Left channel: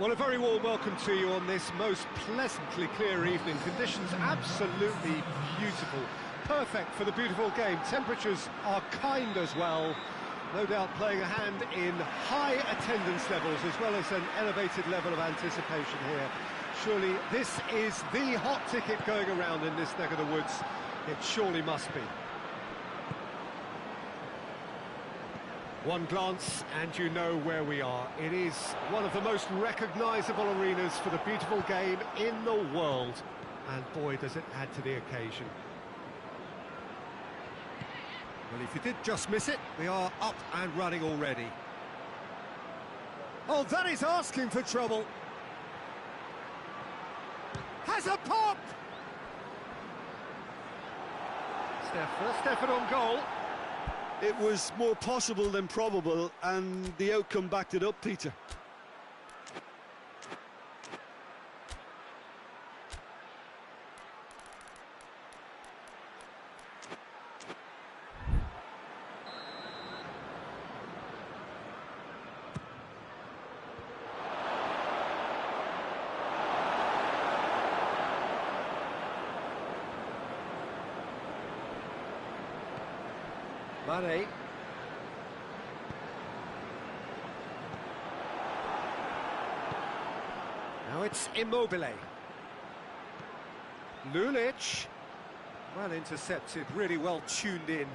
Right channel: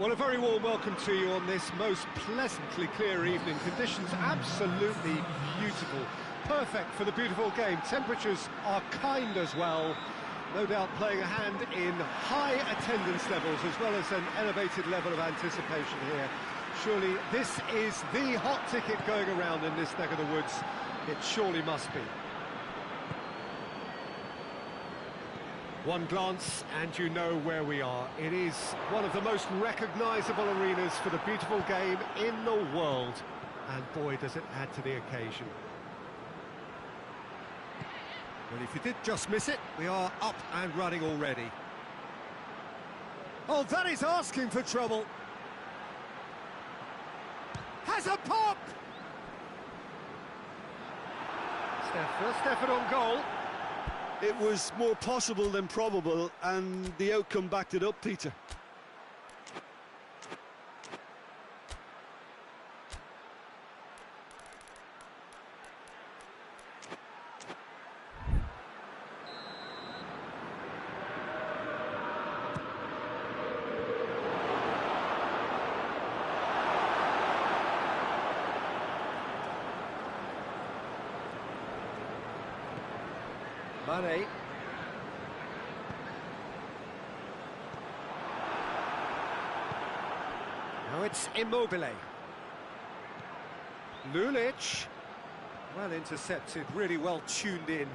Well, a very warm welcome to you on this most pleasantly clear evening. Conditions absolutely beautiful. Perfect for the beautiful game. Temperatures are kind as well. No doubt playing a hand in high attendance levels as well as an elevated level of anticipation here. Surely this is the hot ticket going around in this neck of the woods. It surely must be. One glance and you know where we are. It is one of the most recognisable arenas for the beautiful game in the world. And boy, does it add to the occasion. Well, if you did just miss it, we are up and running already. Oh, that is asking for trouble. Has a pop! Steph, first effort on goal. It was more possible than probable, and the outcome backed it up, Peter. Mane. Now it's Immobile. Lulic. Well intercepted, really well tuned in.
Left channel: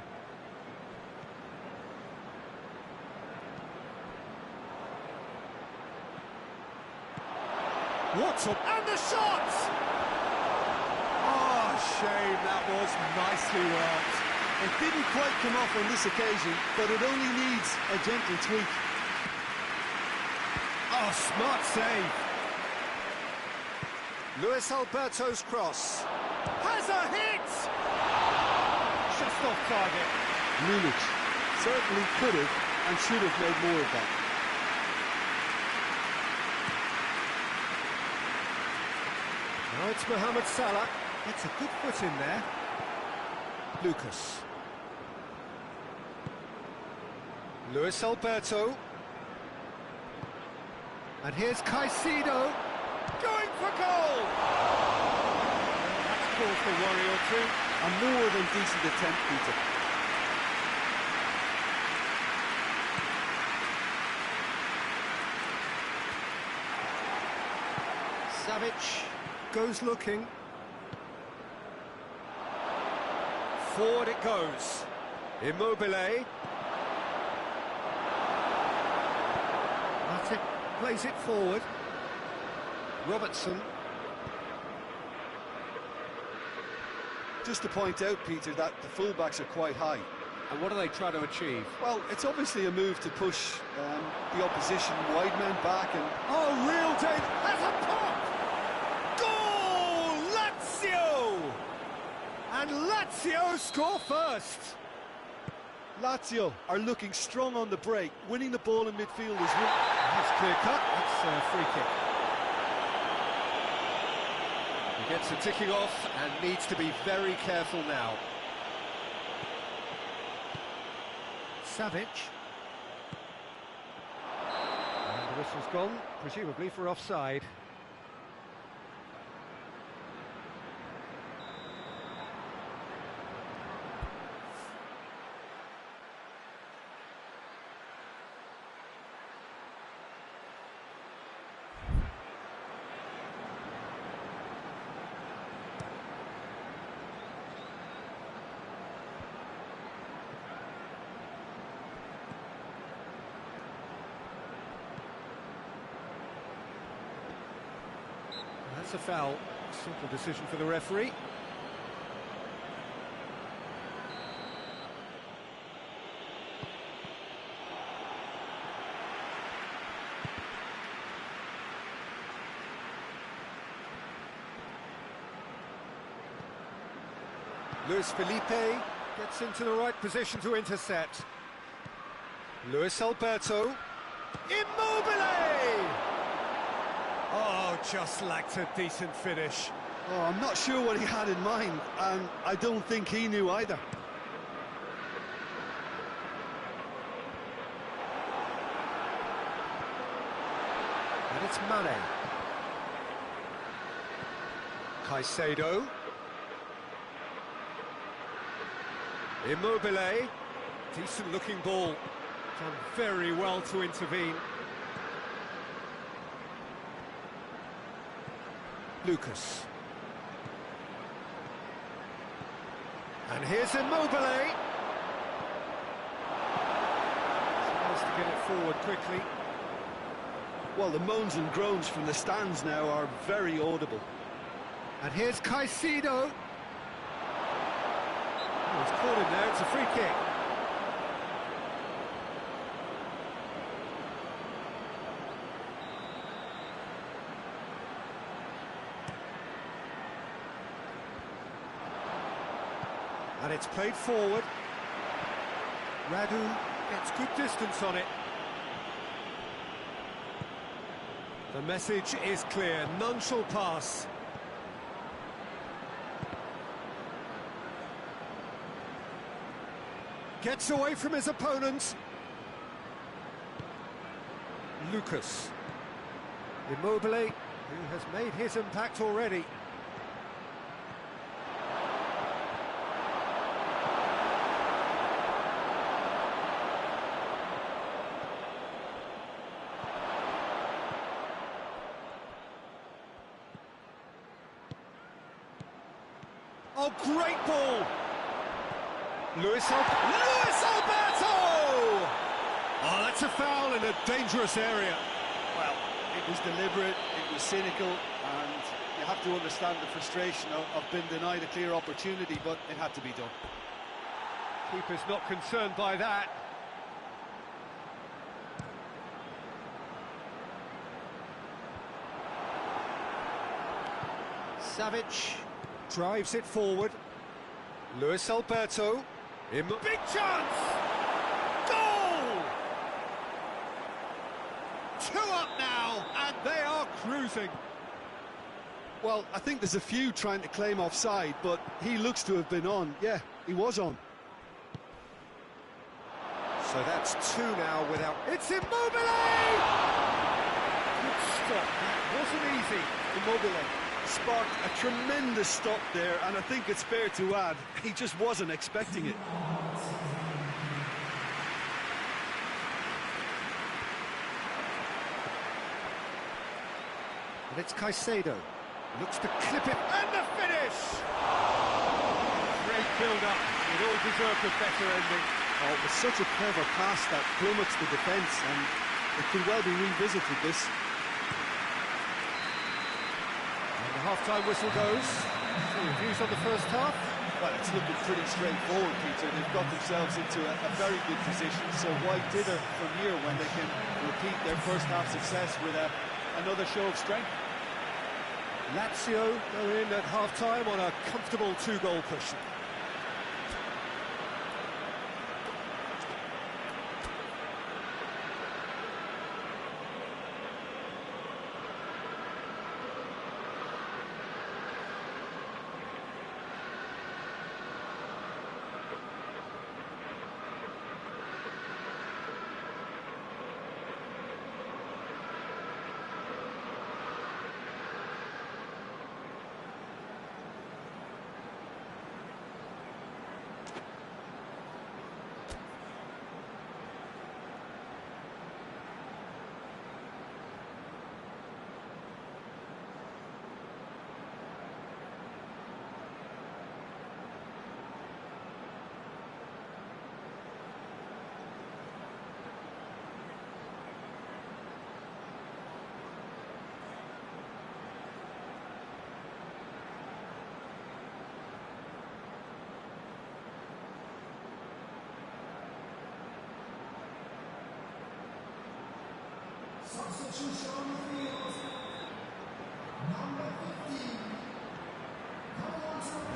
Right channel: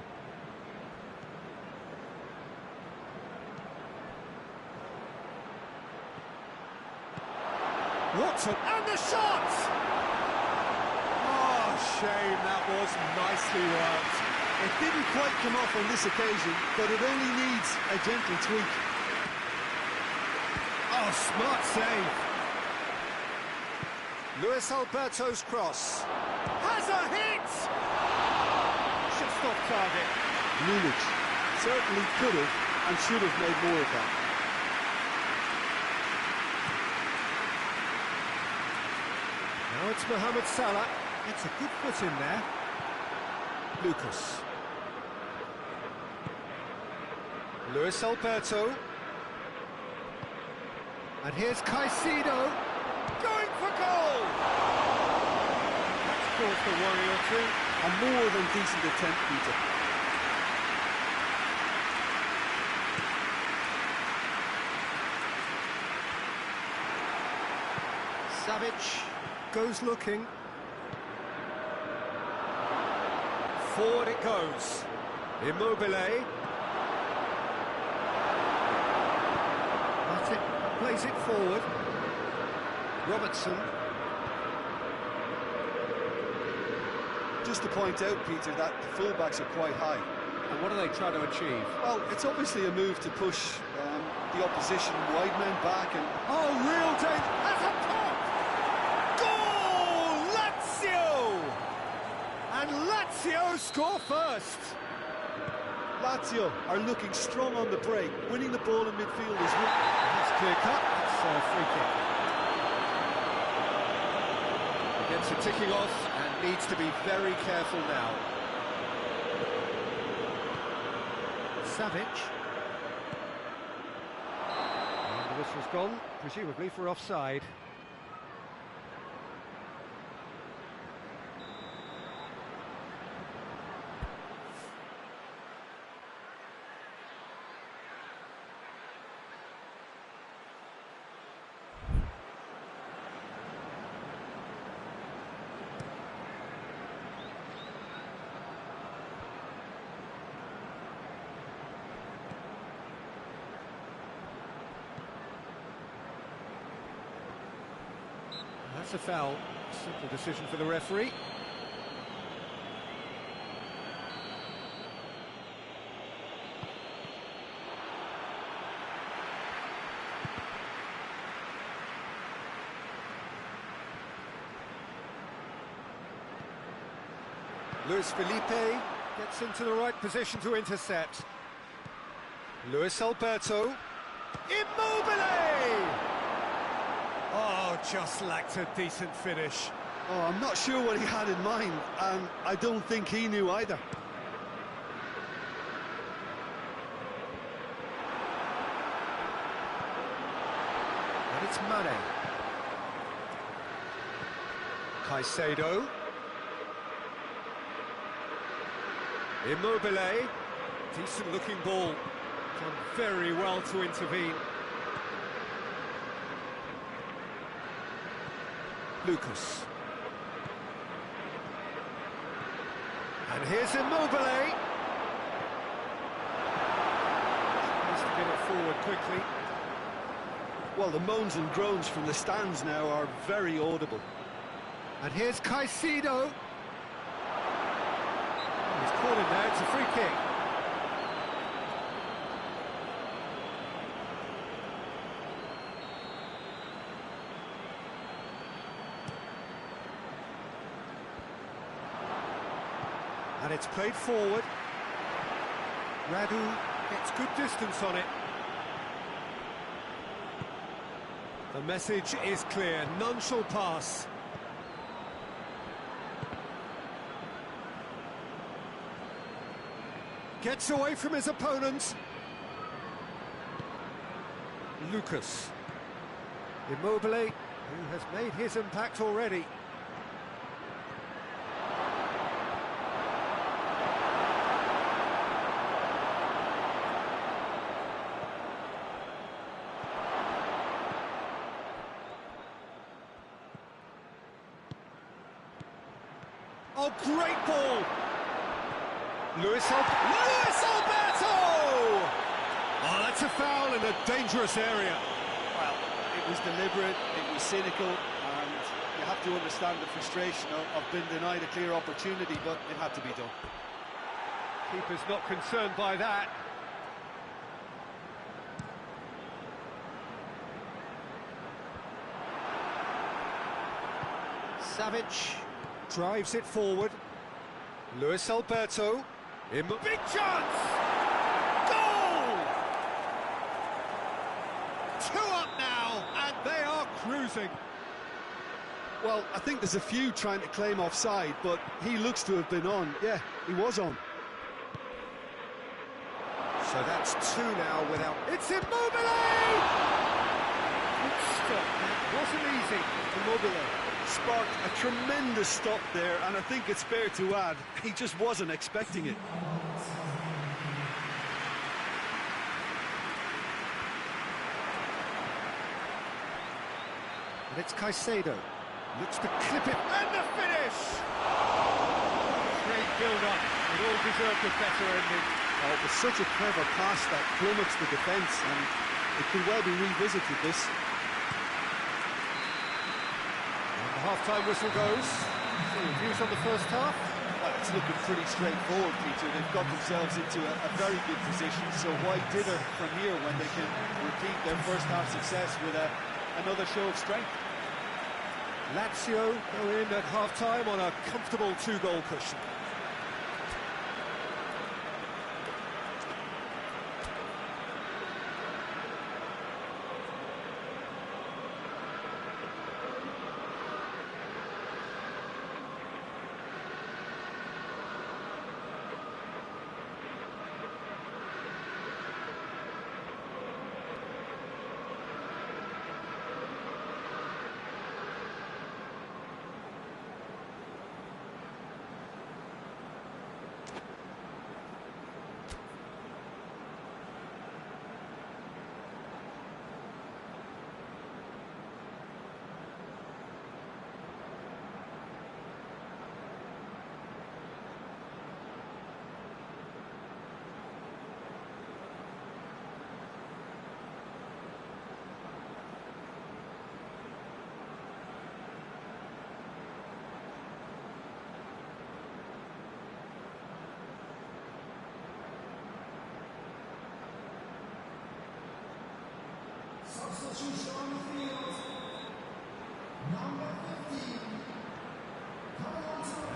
Watson, and the shot! Oh, shame, that was nicely worked. It didn't quite come off on this occasion, but it only needs a gentle tweak. Oh, smart save. Luis Alberto's cross. Has a hit! Just off target. Lulic certainly could have and should have made more of that. Now it's Mohamed Salah. Gets a good foot in there. Lucas. Luis Alberto. And here's Caicedo. Going for goal! And that's caused a worry or two. A more than decent attempt, Peter. Savic goes looking. Forward it goes. Immobile. Matic plays it forward. Robertson. Just to point out, Peter, that the fullbacks are quite high. And what are they trying to achieve? Well, it's obviously a move to push the opposition wide men back and... Oh, real danger! Has a pop! Goal! Lazio! And Lazio score first! Lazio are looking strong on the break. Winning the ball in midfield is... That's clear cut. That's a free kick. He gets a ticking off and needs to be very careful now. Savic. And the whistle's gone, presumably for offside. That's a foul. Simple decision for the referee. Luis Felipe gets into the right position to intercept. Luis Alberto. Immobile! Oh, just lacked a decent finish. Oh, I'm not sure what he had in mind, and I don't think he knew either. And it's Mane. Caicedo. Immobile. Decent looking ball. Done very well to intervene. Lucas. And here's Immobile. Tries to get it forward quickly. Well, the moans and groans from the stands now are very audible. And here's Caicedo. Oh, he's caught him there, it's a free kick. And it's played forward. Radu gets good distance on it. The message is clear, none shall pass. Gets away from his opponent. Lucas. Immobile, who has made his impact already. Oh, great ball! Luis Alberto! Oh, that's a foul in a dangerous area. Well, it was deliberate, it was cynical, and you have to understand the frustration of being denied a clear opportunity, but it had to be done. Keeper's not concerned by that. Savic drives it forward. Luis Alberto. Big chance! Goal! 2 up now, and they are cruising. Well, I think there's a few trying to claim offside, but he looks to have been on. Yeah, he was on. So that's 2 now without... It's Immobile! Good stop, that wasn't easy. Immobile sparked a tremendous stop there, and I think it's fair to add, he just wasn't expecting it. And it's Caicedo. Looks to clip it, and the finish! Great build-up. It all deserved a better ending. Oh, it was such a clever pass that flummoxed the defence, and it could well be revisited, this. And the half-time whistle goes. So your views on the first half? Well, it's looking pretty straightforward, Peter. They've got themselves into a very good position, so why dither from here when they can repeat their first half success with another show of strength? Lazio go in at half-time on a comfortable 2-goal cushion.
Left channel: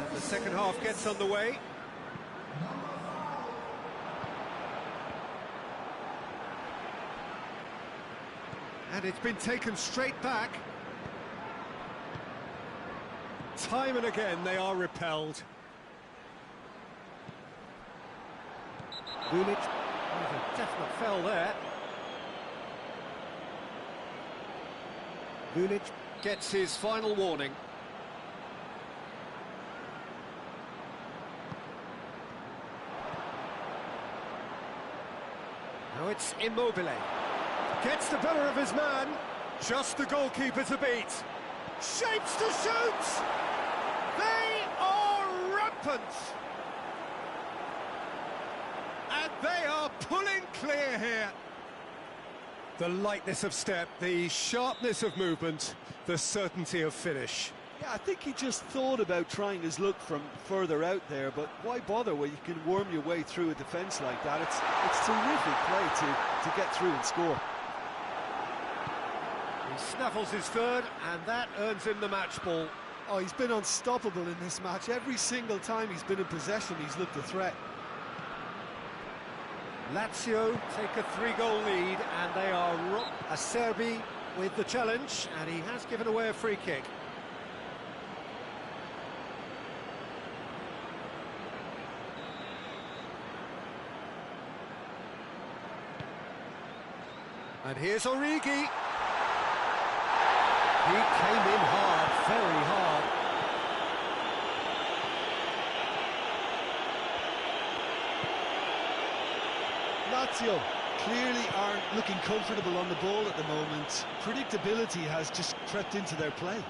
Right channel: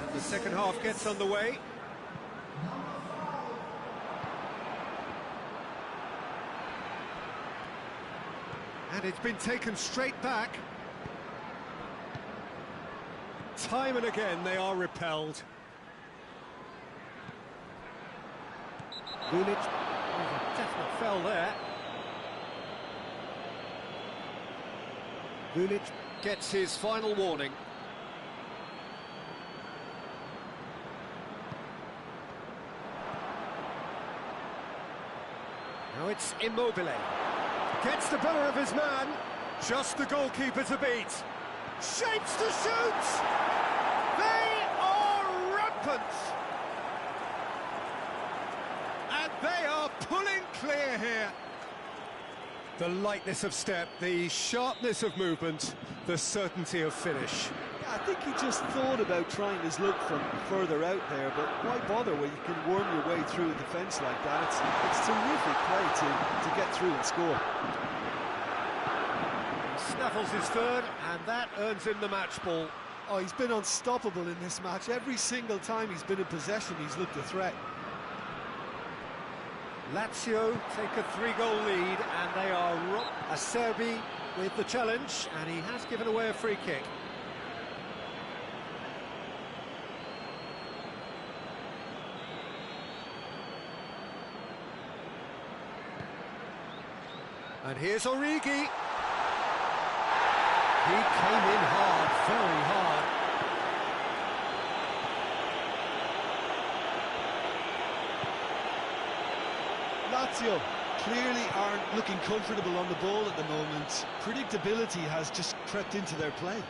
And the second half gets underway. And it's been taken straight back. Time and again they are repelled. Lulic, there's a definite foul there. Lulic gets his final warning. Now it's Immobile. Gets the better of his man. Just the goalkeeper to beat. Shapes to shoot! They are rampant! And they are pulling clear here. The lightness of step, the sharpness of movement, the certainty of finish. Yeah, I think he just thought about trying his luck from further out there, but why bother when you can worm your way through a defence like that? It's terrific play to get through and score. He snaffles his third, and that earns him the match ball. Oh, he's been unstoppable in this match. Every single time he's been in possession, he's looked a threat. Lazio take a 3-goal lead, and they are Acerbi with the challenge, and he has given away a free kick. And here's Origi. He came in hard, very hard. Lazio clearly aren't looking comfortable on the ball at the moment. Predictability has just crept into their play.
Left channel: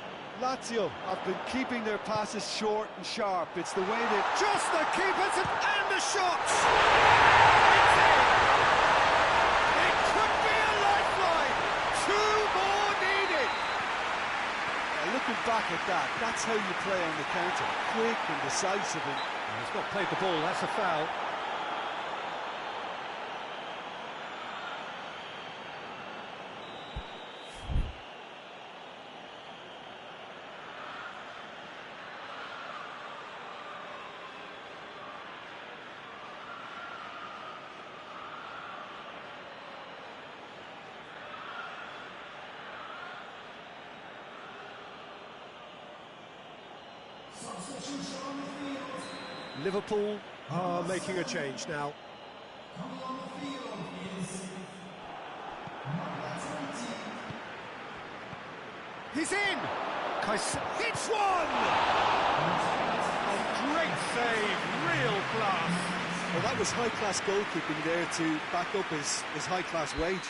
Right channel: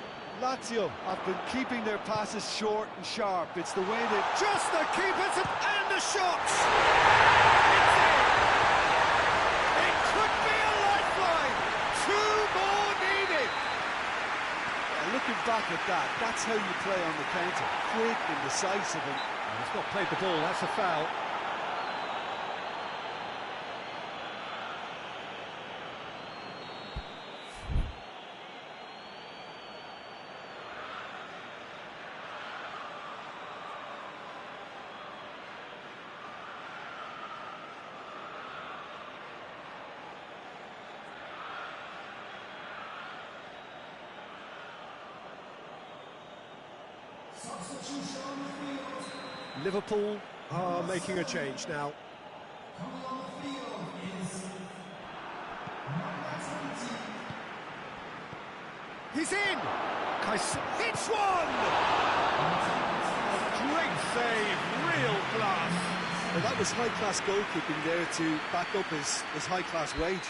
Lazio have been keeping their passes short and sharp. It's the way that... Just the keepers and the shots! It's in! It could be a lifeline! 2 more needed! Yeah, looking back at that, that's how you play on the counter. Quick and decisive. And he's not played the ball, that's a foul. Liverpool are making a change now. He's in! Hits one! A great save, real class. well, that was high-class goalkeeping there to back up his high-class wage.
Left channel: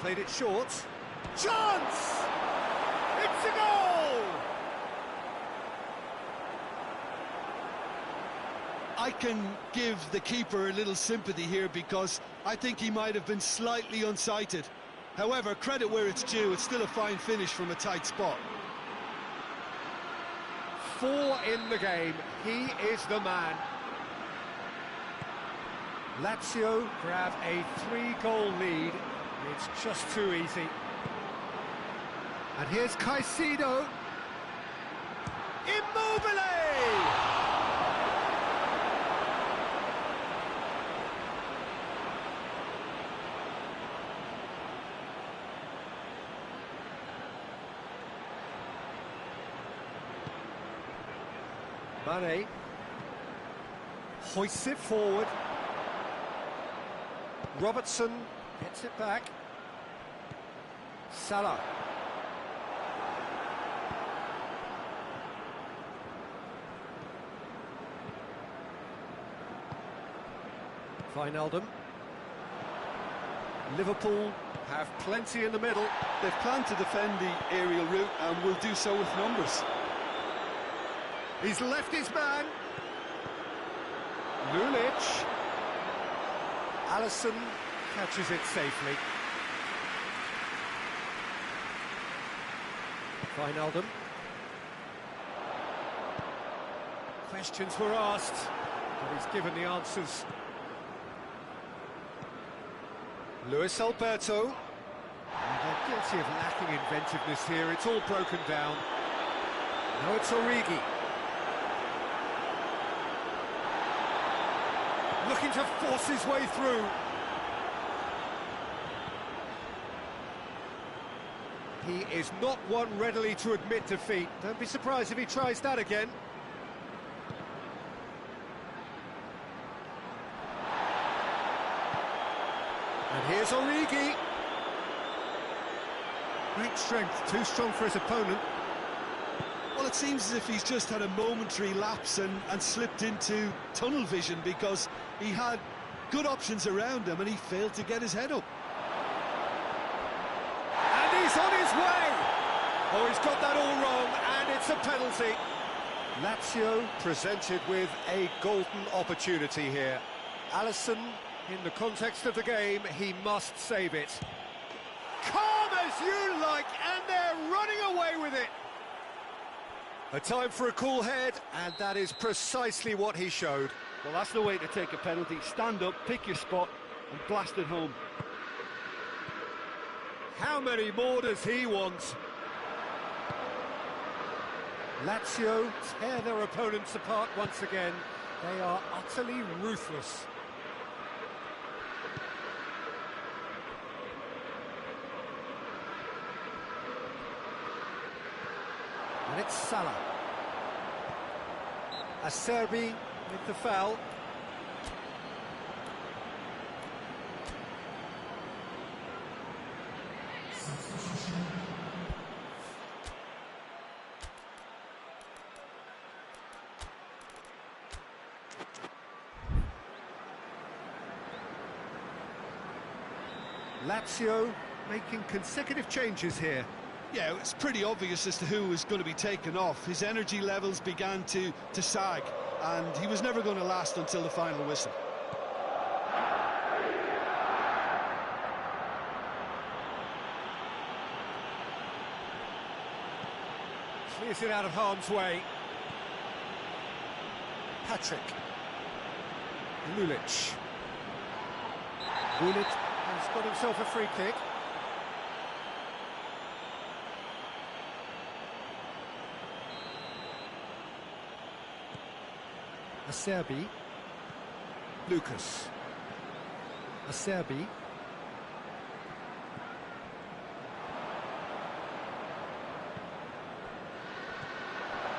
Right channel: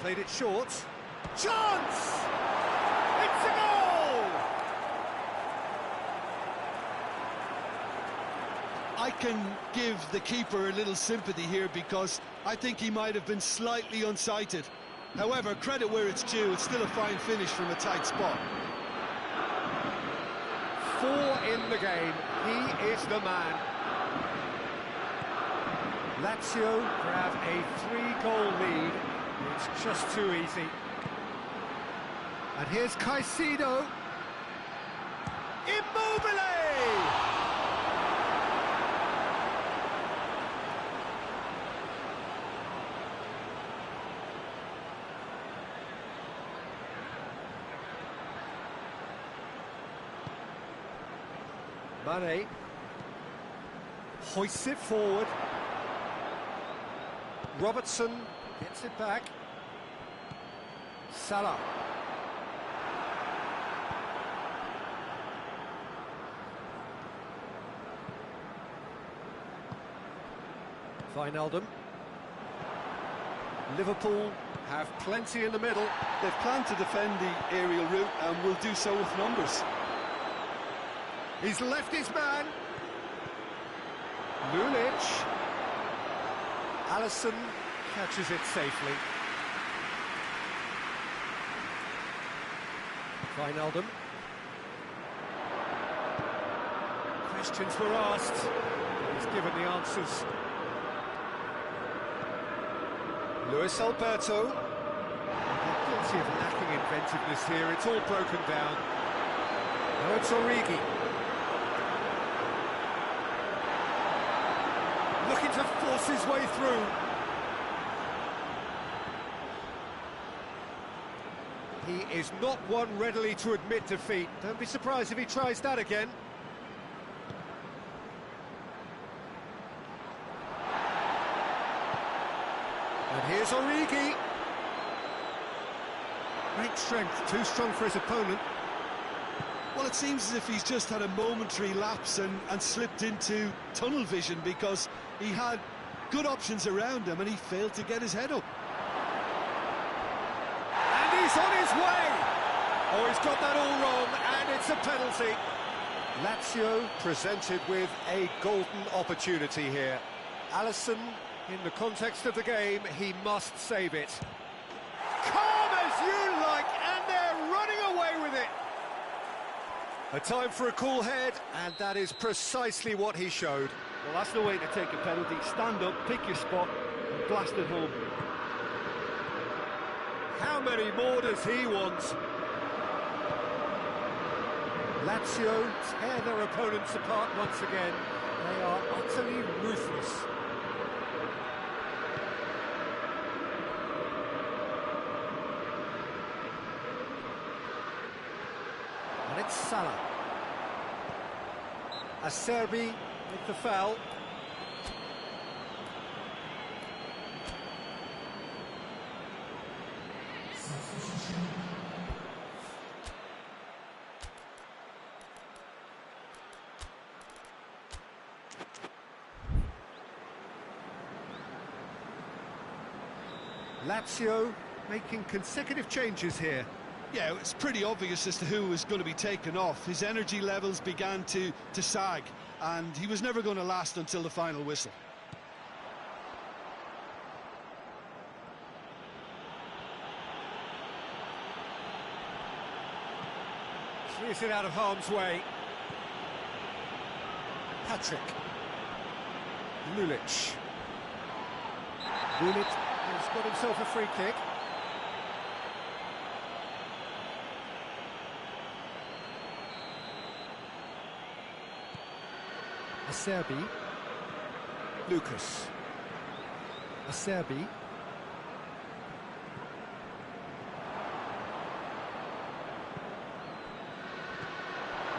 Played it short. Chance! It's a goal! I can give the keeper a little sympathy here because I think he might have been slightly unsighted. However, credit where it's due, it's still a fine finish from a tight spot. 4 in the game. He is the man. Lazio grab a 3-goal lead. It's just too easy. And here's Caicedo. Immobile! Mane hoists it forward. Robertson gets it back. Salah. Wijnaldum. Liverpool have plenty in the middle. They've planned to defend the aerial route and will do so with numbers. He's left his man. Lulic. Alisson catches it safely. Wijnaldum. Questions were asked, but he's given the answers. Luis Alberto. And they're Guilty of lacking inventiveness here, it's all broken down. Now it's Origi. Looking to force his way through. He is not one readily to admit defeat. Don't be surprised if he tries that again. And here's Origi. Great strength, too strong for his opponent. Well, it seems as if he's just had a momentary lapse and slipped into tunnel vision, because he had good options around him and he failed to get his head up. And he's on his way! Oh, he's got that all wrong, and it's a penalty. Lazio presented with a golden opportunity here. Alisson, in the context of the game, he must save it. Calm as you like, and they're running away with it. A time for a cool head, and that is precisely what he showed. Well, that's the way to take a penalty. Stand up, pick your spot, and blast it home. How many more does he want? Lazio tear their opponents apart once again. They are utterly ruthless. And it's Salah. Acerbi with the foul. Lazio making consecutive changes here. Yeah, it's pretty obvious as to who was going to be taken off. His energy levels began to sag, and he was never going to last until the final whistle. Clears it out of harm's way. Patrick. Lulic. Lulic has got himself a free kick. Acerbi. Lucas. Acerbi.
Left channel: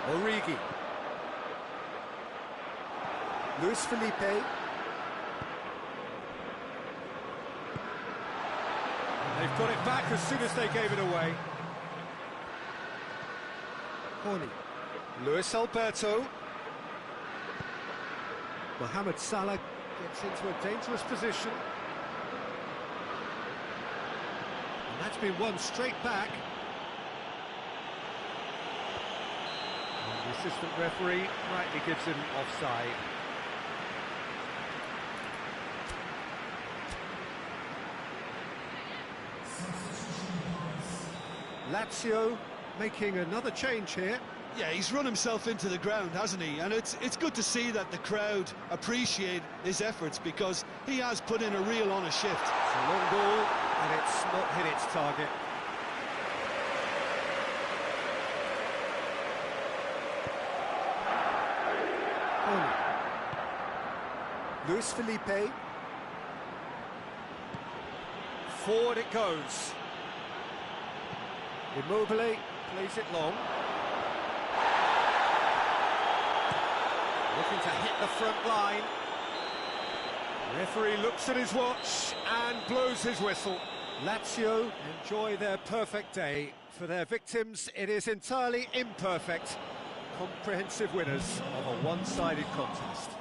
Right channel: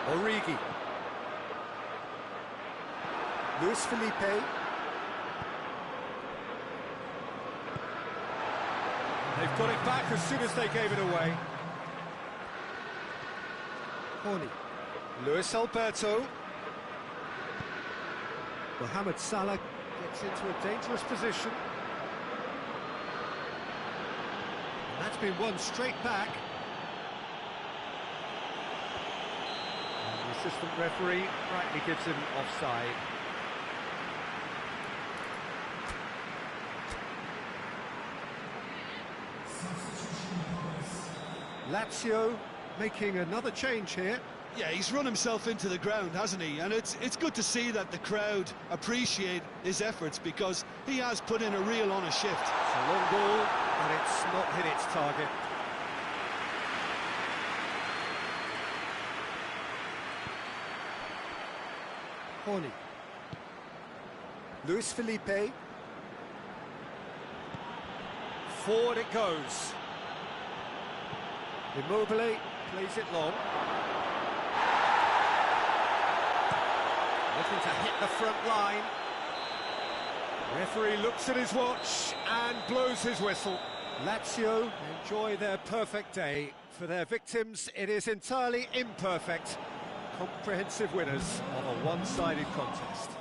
Origi. Luis Felipe. And they've got it back as soon as they gave it away. Horny. Luis Alberto. Mohamed Salah gets into a dangerous position. And that's been won straight back. And the assistant referee rightly gives him offside. Lazio making another change here. Yeah, he's run himself into the ground, hasn't he? And it's good to see that the crowd appreciate his efforts, because he has put in a real honest shift. It's a long ball, and it's not hit its target. Horny. Luis Felipe. Forward it goes. Immobile plays it long. Looking to hit the front line. Referee looks at his watch and blows his whistle. Lazio enjoy their perfect day. For their victims, it is entirely imperfect. Comprehensive winners of a one-sided contest.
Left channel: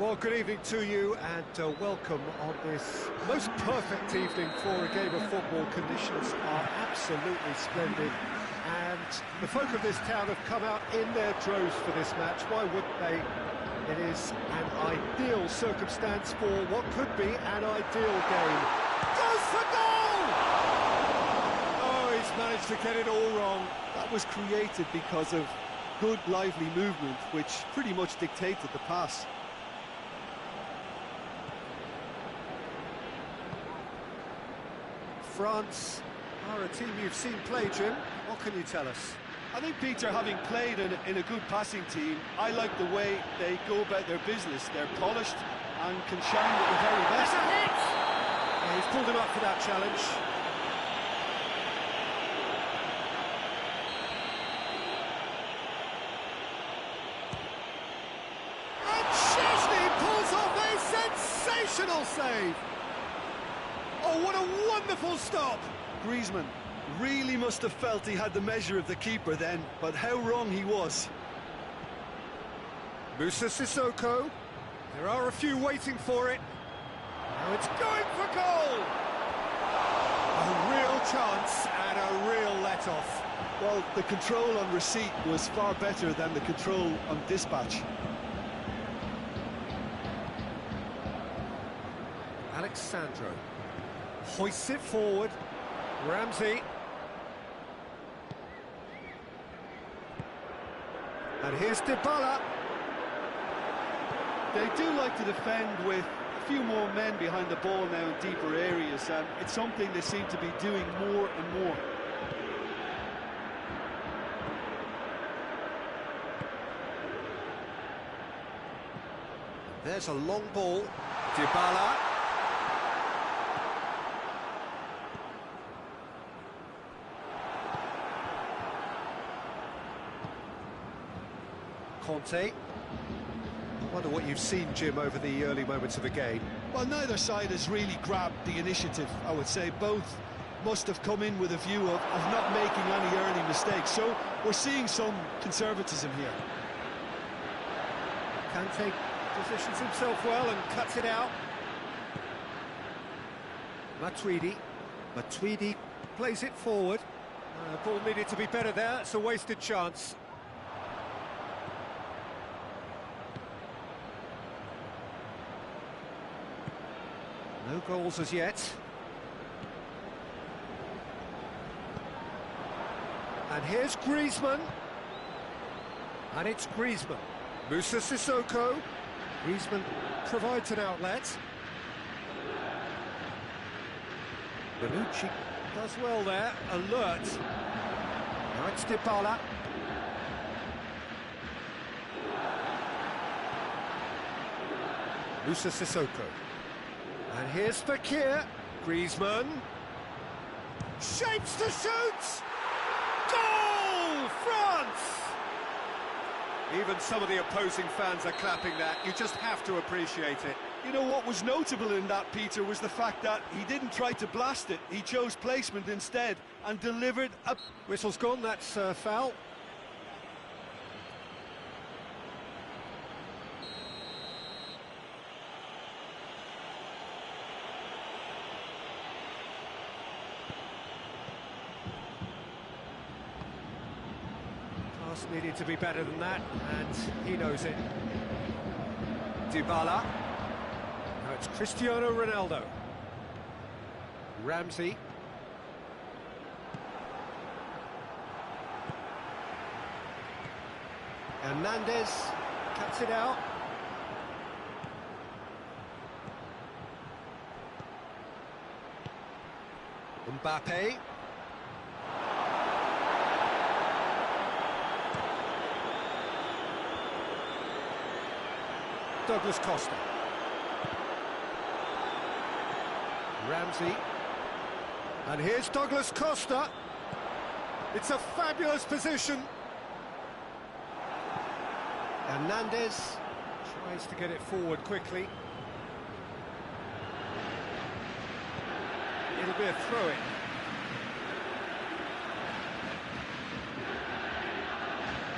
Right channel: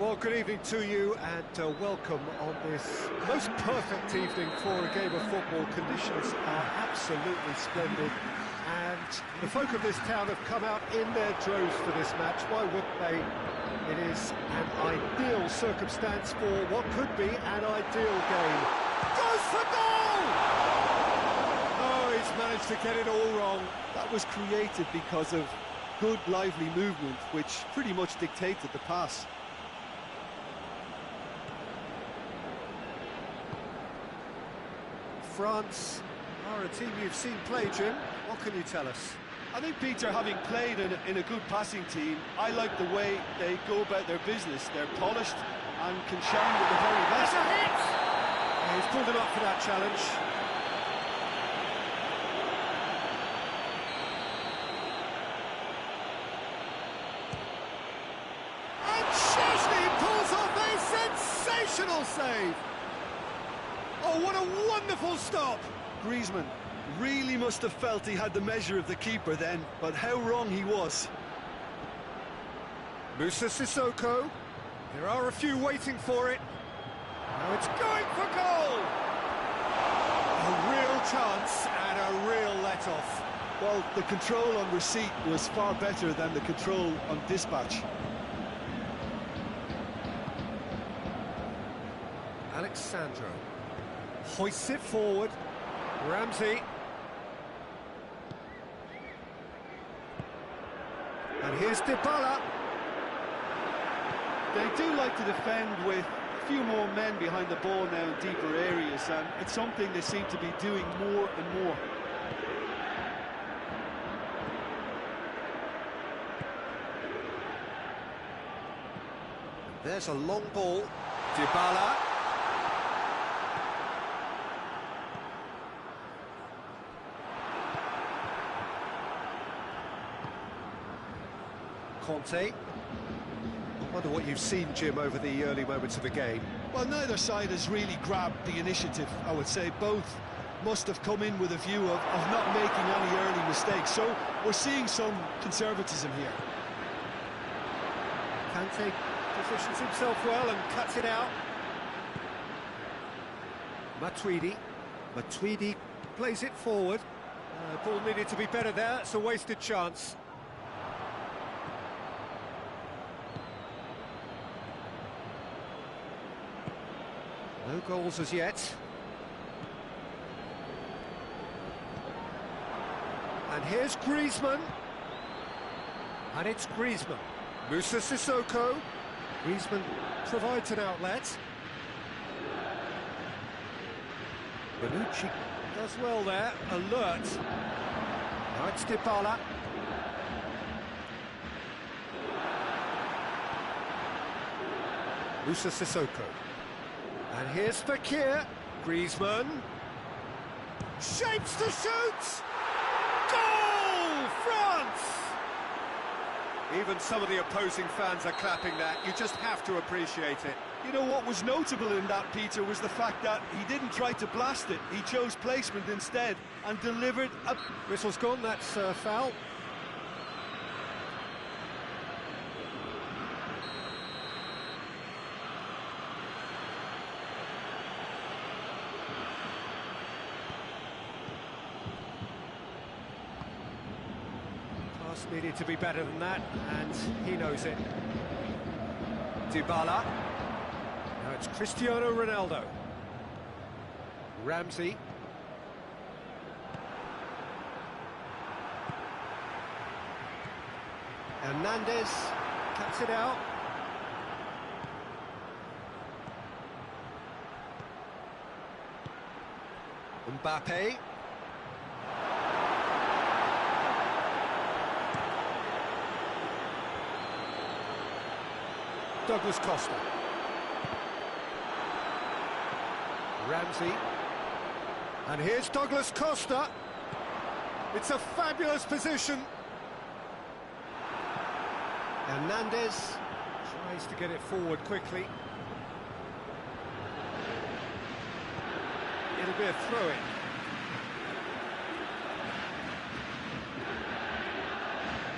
Well, good evening to you and welcome on this most perfect evening for a game of football. Conditions are absolutely splendid and the folk of this town have come out in their droves for this match. Why wouldn't they? It is an ideal circumstance for what could be an ideal game. Goes for goal! Oh, he's managed to get it all wrong. That was created because of good, lively movement, which pretty much dictated the pass. France are a team you've seen play, Jim. What can you tell us? I think, Peter, having played in a good passing team, I like the way they go about their business. They're polished and can shine with the very best. That's a hit! Yeah, he's pulled him up for that challenge. And Chesney pulls off a sensational save! Oh, what a wonderful stop! Griezmann really must have felt he had the measure of the keeper then, but how wrong he was. Moussa Sissoko, there are a few waiting for it. Now it's going for goal! A real chance and a real let-off. Well, the control on receipt was far better than the control on dispatch. Alexandro hoists it forward. Ramsey. And here's Dybala. They do like to defend with a few more men behind the ball now in deeper areas, and it's something they seem to be doing more and more. There's a long ball. Dybala. Conte. I wonder what you've seen, Jim, over the early moments of the game. Well, neither side has really grabbed the initiative, I would say. Both must have come in with a view of not making any early mistakes. So we're seeing some conservatism here. Kante positions himself well and cuts it out. Matuidi plays it forward. Ball needed to be better there. It's a wasted chance. No goals as yet. And here's Griezmann. And it's Griezmann. Moussa Sissoko. Griezmann provides an outlet. Bonucci does well there. Alert. Now it's Dybala. Moussa Sissoko. And here's Fekir. Griezmann. Shapes to shoot! Goal! France! Even some of the opposing fans are clapping that. You just have to appreciate it. You know, what was notable in that, Peter, was the fact that he didn't try to blast it. He chose placement instead and delivered a... Whistle's gone, that's foul. Pass needed to be better than that, and he knows it. Dybala. Now it's Cristiano Ronaldo. Ramsey. Hernandez cuts it out. Mbappe. Douglas Costa. Ramsey. And here's Douglas Costa. It's a fabulous position. Hernandez tries to get it forward quickly. It'll be a throw-in.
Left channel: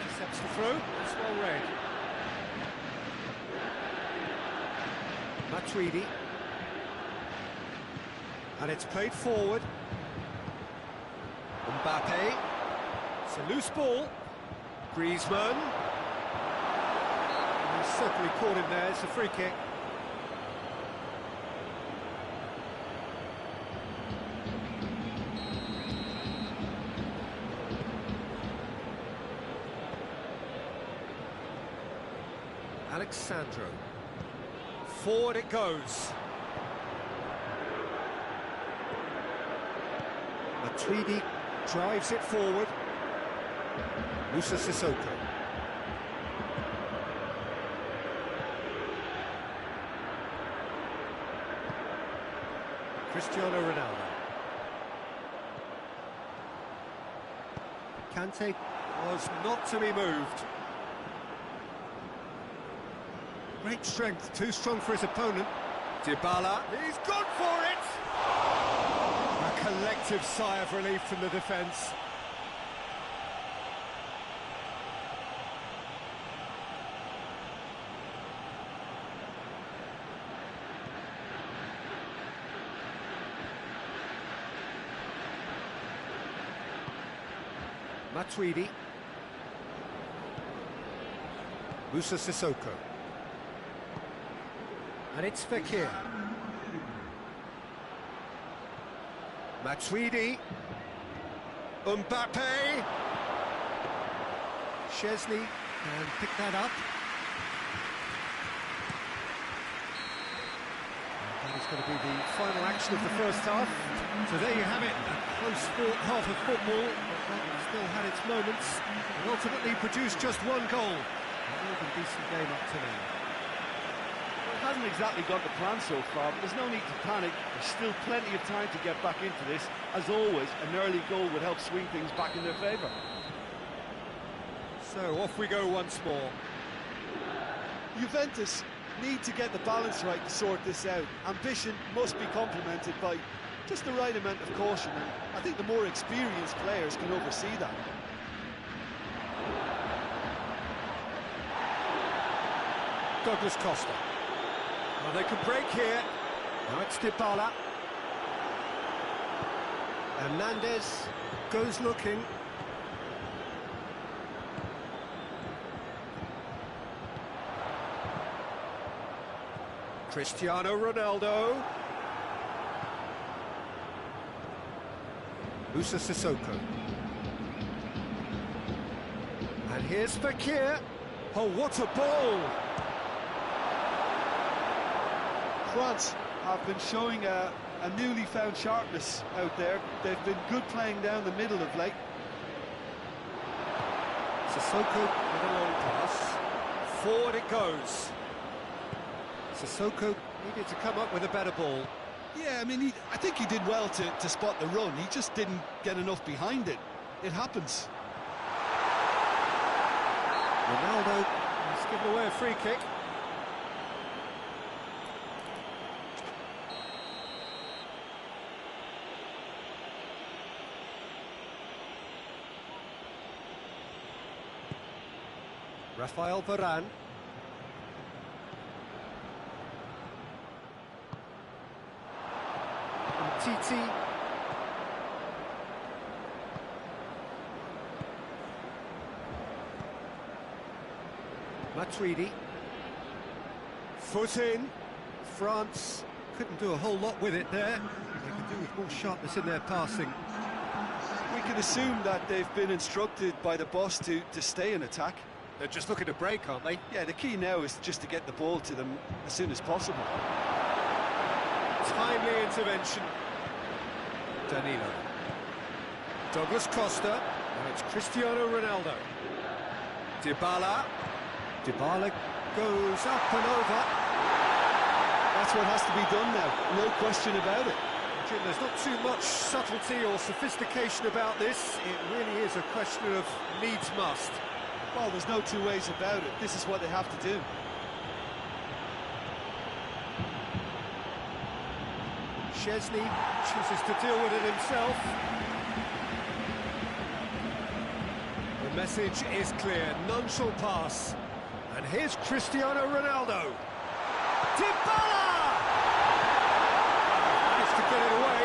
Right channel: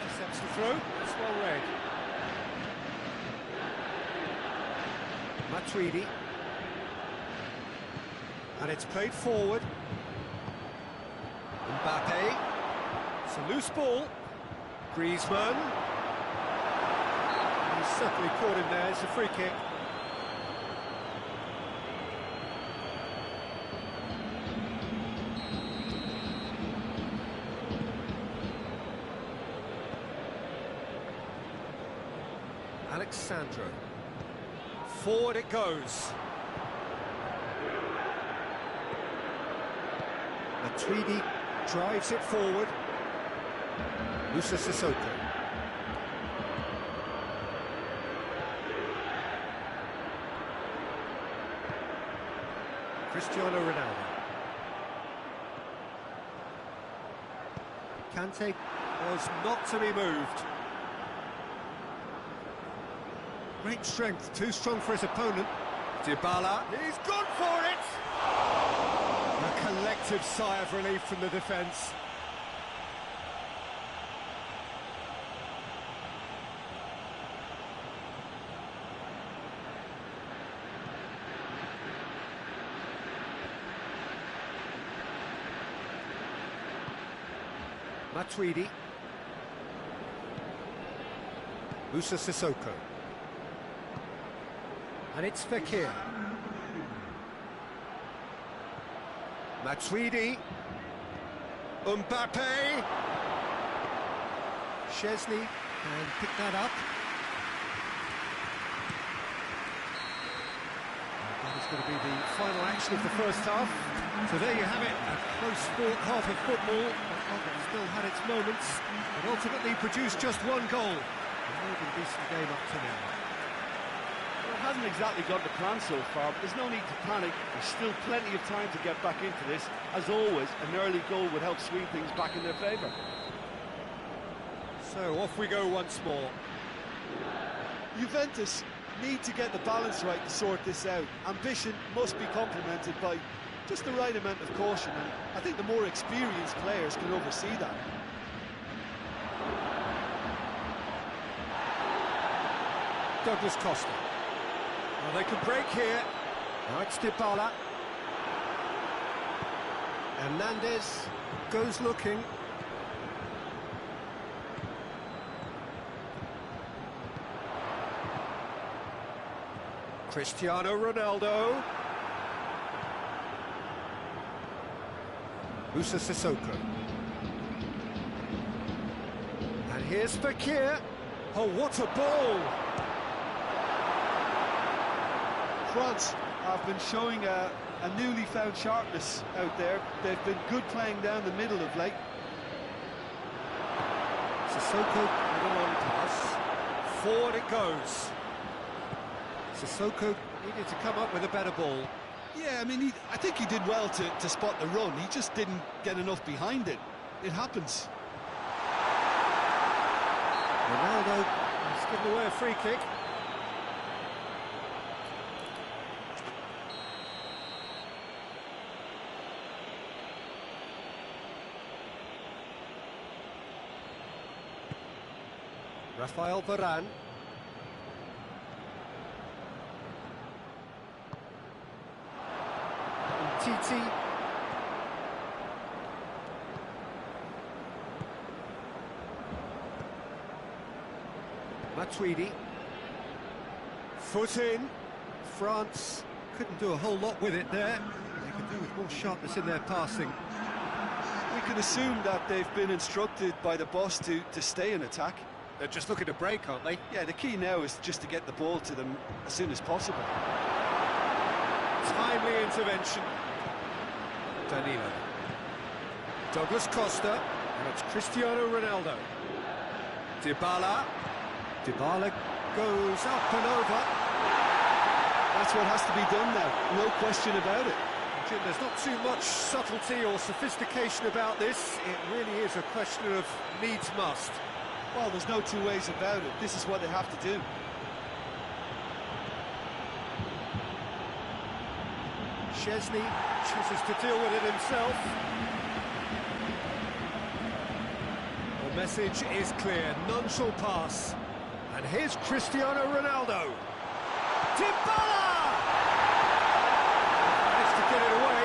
Intercepts the throw. It's well read. Matuidi. And it's played forward. Mbappe. It's a loose ball. Griezmann. And he's certainly caught him there. It's a free kick. Alexandro. Forward it goes. Matuidi drives it forward. Musa Sissoko. Cristiano Ronaldo. Kante was not to be moved. Great strength, too strong for his opponent. Dybala, he's gone for it! A collective sigh of relief from the defence. Matuidi. Musa Sissoko. And it's Fekir. Matuidi. Mbappe. Szczesny can pick that up. And that is going to be the final action of the first half. So there you have it, a close-fought half of football, but one that still had its moments, but ultimately produced just one goal. A more than decent game up to now. Well, it hasn't exactly gone to plan so far, but there's no need to panic. There's still plenty of time to get back into this. As always, an early goal would help swing things back in their favour. So off we go once more. Juventus need to get the balance right to sort this out. Ambition must be complemented by just the right amount of caution, and I think the more experienced players can oversee that. Douglas Costa. Well, they can break here. Now it's Dybala. Hernandez goes looking. Cristiano Ronaldo. Musa Sissoko. And here's Fekir. Oh, what a ball! France have been showing a newly found sharpness out there. They've been good playing down the middle of late. Sissoko with a long pass. Forward it goes. Sissoko needed to come up with a better ball. Yeah, I mean, I think he did well to spot the run. He just didn't get enough behind it. It happens. Ronaldo has given away a free kick. Rafael Varane. Titi. Matuidi. Foot in. France couldn't do a whole lot with it there. They could do with more sharpness in their passing. We can assume that they've been instructed by the boss to stay in attack. They're just looking to break, aren't they? Yeah, the key now is just to get the ball to them as soon as possible. Timely intervention. Danilo. Douglas Costa. Now it's Cristiano Ronaldo. Dybala. Dybala goes up and over. That's what has to be done now, no question about it. Jim, there's not too much subtlety or sophistication about this. It really is a question of needs must. Well, there's no two ways about it. This is what they have to do. Szczesny chooses to deal with it himself. The message is clear, none shall pass. And here's Cristiano Ronaldo. Dybala! Managed to get it away.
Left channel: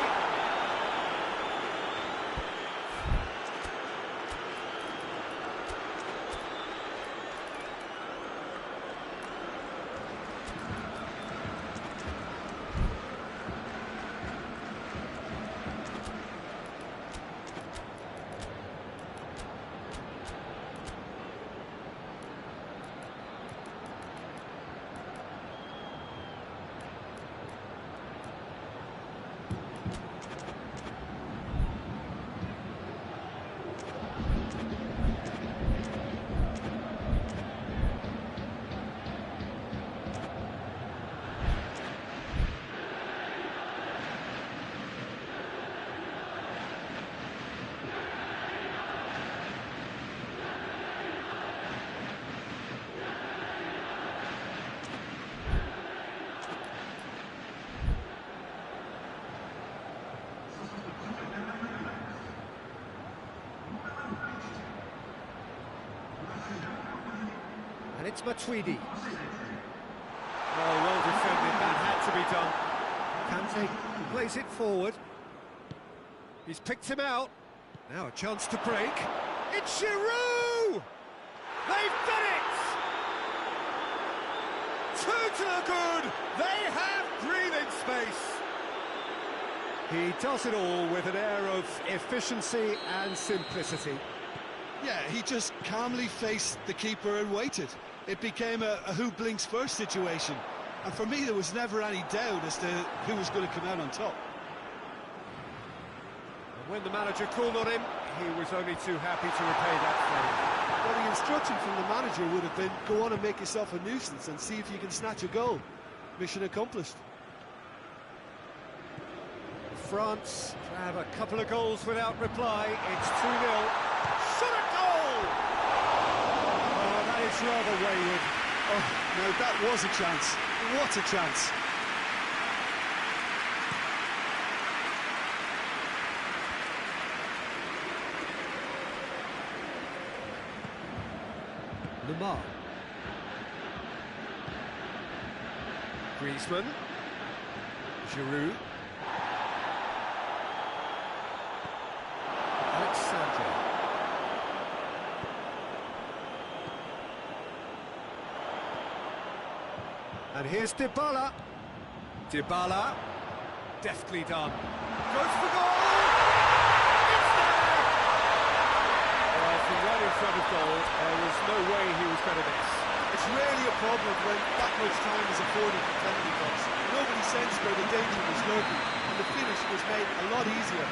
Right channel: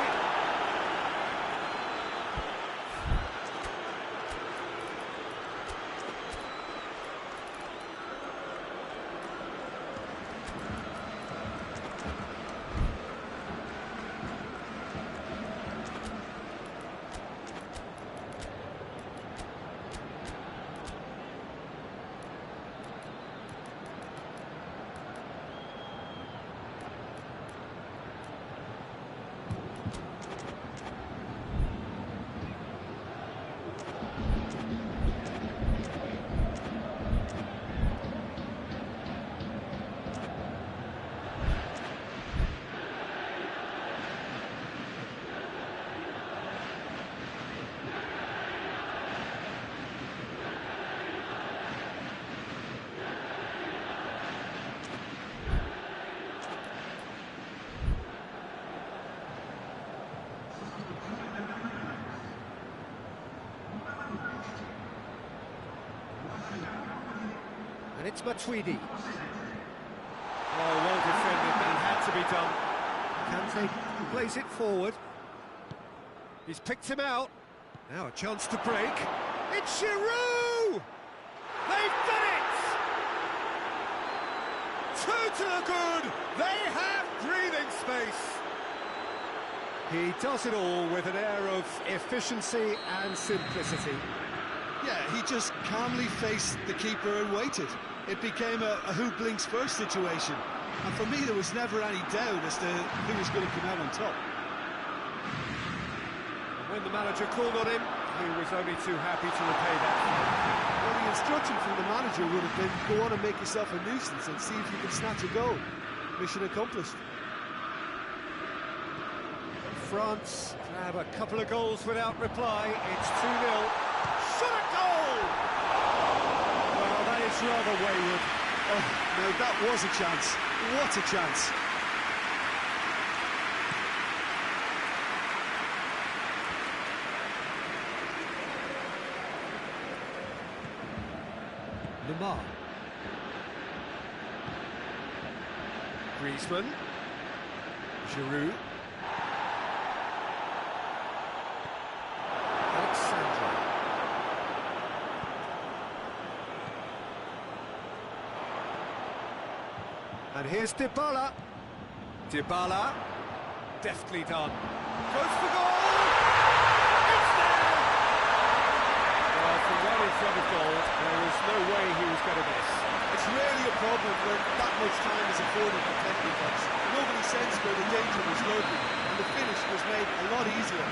And it's Matuidi. Oh, well defended, that had to be done. Kante plays it forward. He's picked him out. Now a chance to break. It's Giroud! They've done it! Two to the good! They have breathing space! He does it all with an air of efficiency and simplicity. Yeah, he just calmly faced the keeper and waited. It became a who blinks first situation. And for me, there was never any doubt as to who was going to come out on top. And when the manager called on him, he was only too happy to repay that favour. Well, the instruction from the manager would have been, go on and make yourself a nuisance and see if you can snatch a goal. Mission accomplished. France grab a couple of goals without reply. It's 2-0. Shot a goal! Well, that is rather wayward. Oh, no, that was a chance. What a chance. Lamar. Griezmann. Giroud. Alexandre. And here's Dybala. Dybala. Deftly done. Goes for goal! It's there! Well, from right in front of goal, there was no way he was going to miss. It's rarely a problem when that much time is afforded for penalty box. Nobody sensed where the danger was lurking, and the finish was made a lot easier.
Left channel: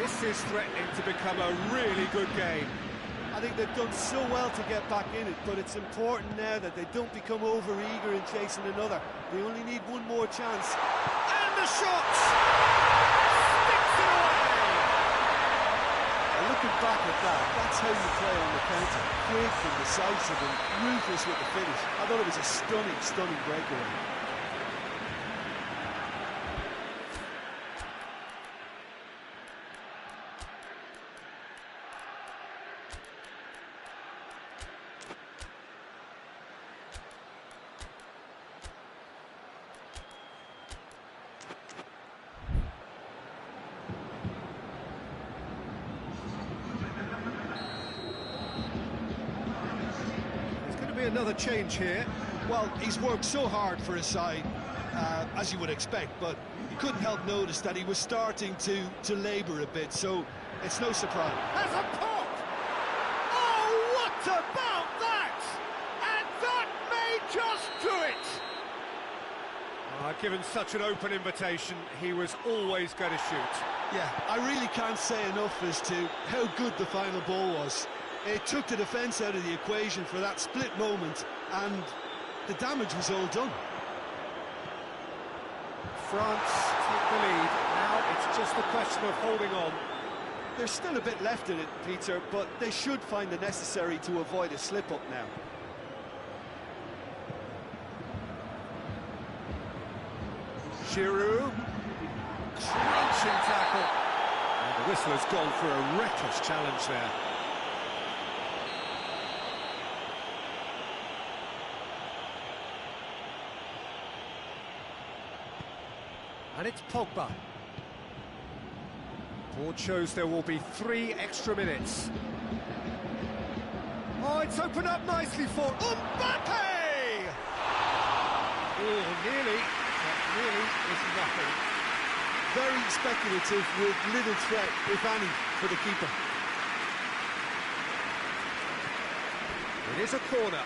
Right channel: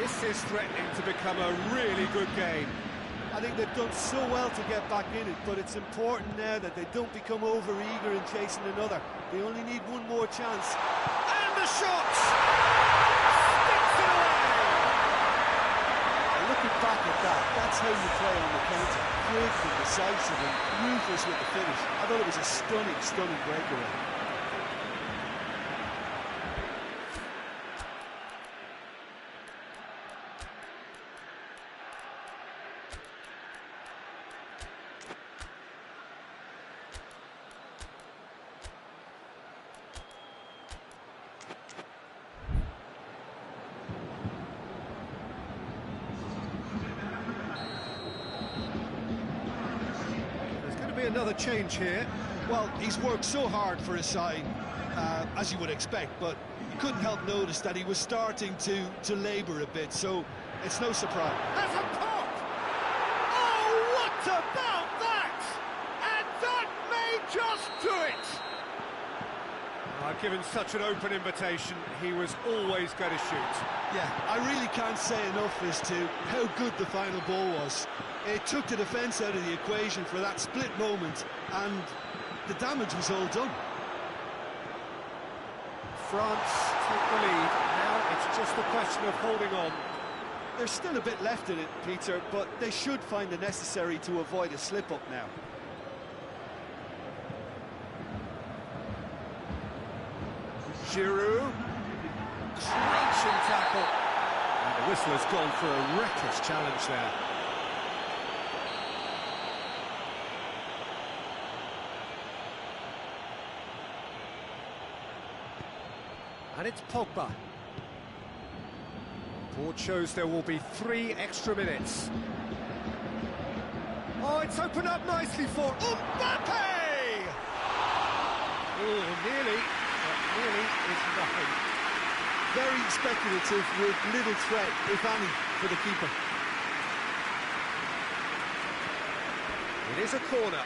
This is threatening to become a really good game. I think they've done so well to get back in it, but it's important now that they don't become over-eager in chasing another. They only need one more chance. And the shot! Sticks it away! Now, looking back at that, that's how you play on the counter. Quick and decisive and ruthless with the finish. I thought it was a stunning, stunning breakaway. Be another change here. Well, he's worked so hard for his side, as you would expect, but you couldn't help notice that he was starting to labour a bit, so it's no surprise. Has a pop! Oh, what about that? And that may just do it! Given such an open invitation, he was always going to shoot. Yeah, I really can't say enough as to how good the final ball was. It took the defence out of the equation for that split moment, and the damage was all done. France take the lead. Now it's just a question of holding on. There's still a bit left in it, Peter, but they should find the necessary to avoid a slip-up now. Giroud. Crunching tackle. And the whistle has gone for a reckless challenge there. And it's Pogba. Board shows there will be 3 extra minutes. Oh, it's opened up nicely for Mbappe! Oh, nearly, but nearly is nothing. Very speculative with little threat, if any, for the keeper. It is a corner.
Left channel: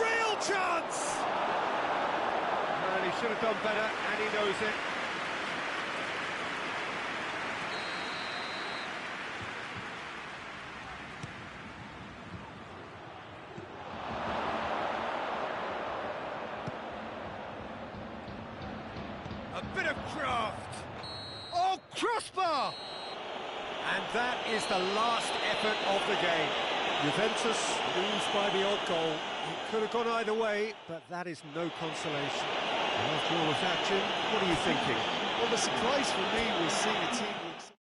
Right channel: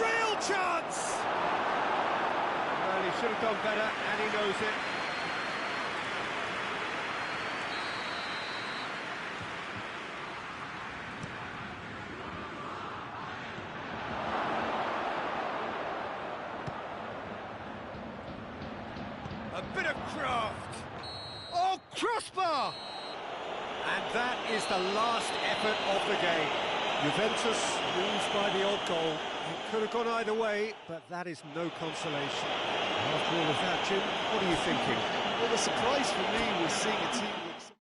Real chance! Well, he should have done better, and he knows it. A bit of craft. Oh, crossbar! And that is the last effort of the game. Juventus lose by the odd goal. It could have gone either way, but that is no consolation. And after all of that, Jim, what are you thinking? Well, the surprise for me was seeing a team look so...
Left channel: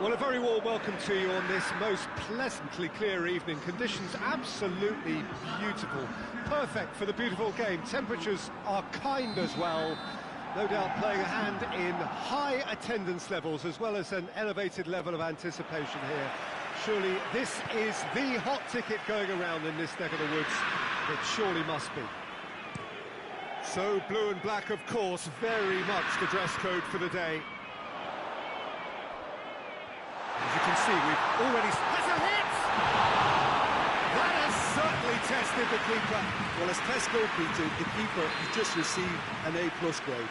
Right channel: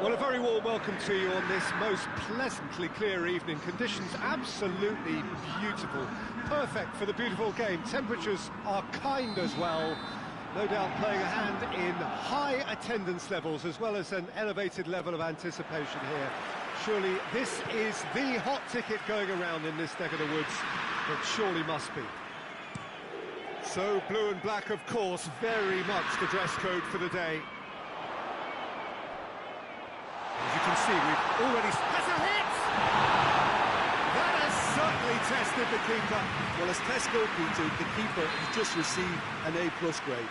Well, a very warm welcome to you on this most pleasantly clear evening. Conditions absolutely beautiful. Perfect for the beautiful game. Temperatures are kind as well. No doubt playing a hand in high attendance levels as well as an elevated level of anticipation here. Surely this is the hot ticket going around in this neck of the woods. It surely must be. So blue and black, of course, very much the dress code for the day. As you can see, we've already... Has a hit! That has certainly tested the keeper. Well, as tests go, Peter, the keeper has just received an A+ grade.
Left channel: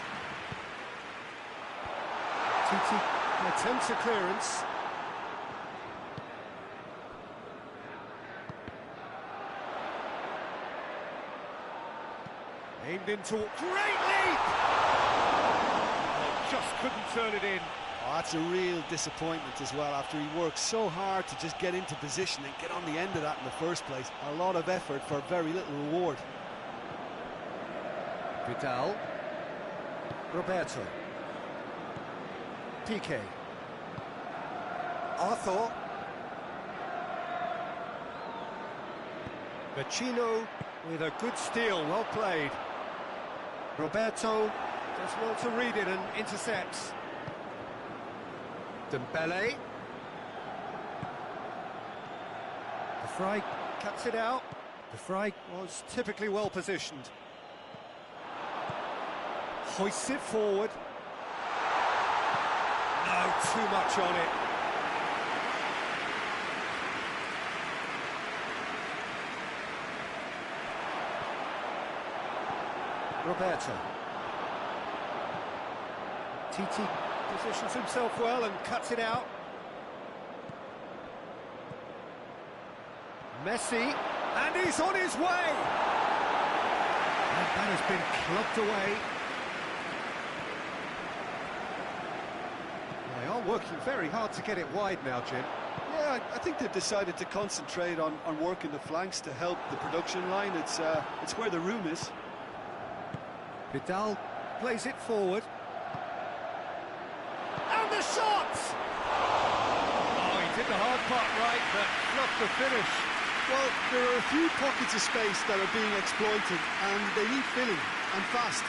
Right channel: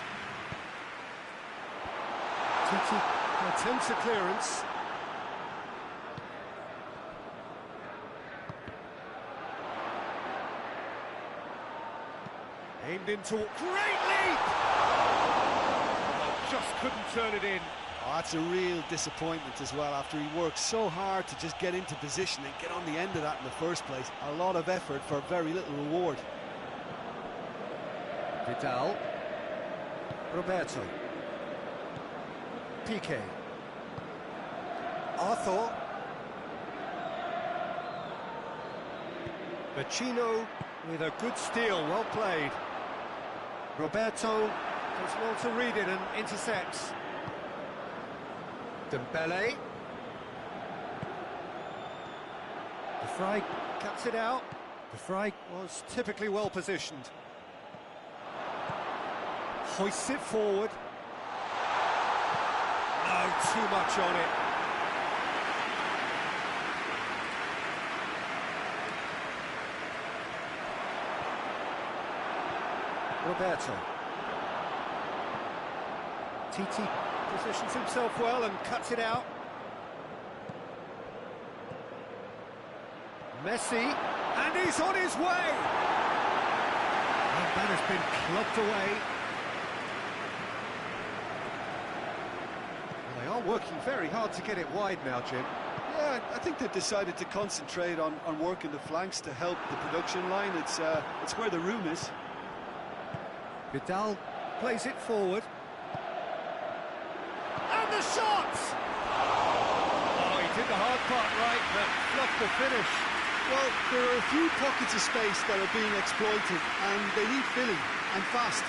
Titi attempts a clearance. Aimed into... Great leap! Oh, just couldn't turn it in. Oh, that's a real disappointment as well, after he worked so hard to just get into position and get on the end of that in the first place. A lot of effort for very little reward. Vidal. Roberto. Piqué. Arthur. Vecino with a good steal, well played. Roberto does well to read it and intercepts. Dembele. De Vrij cuts it out. De Vrij was typically well positioned. Hoists it forward. No, too much on it. Roberto. Titi positions himself well and cuts it out. Messi, and he's on his way! And that has been clubbed away. Well, they are working very hard to get it wide now, Jim. Yeah, I think they've decided to concentrate on working the flanks to help the production line. It's where the room is. Vidal plays it forward. And the shot! Oh, he did the hard part right, but fluffed the finish. Well, there are a few pockets of space that are being exploited, and they need filling, and fast.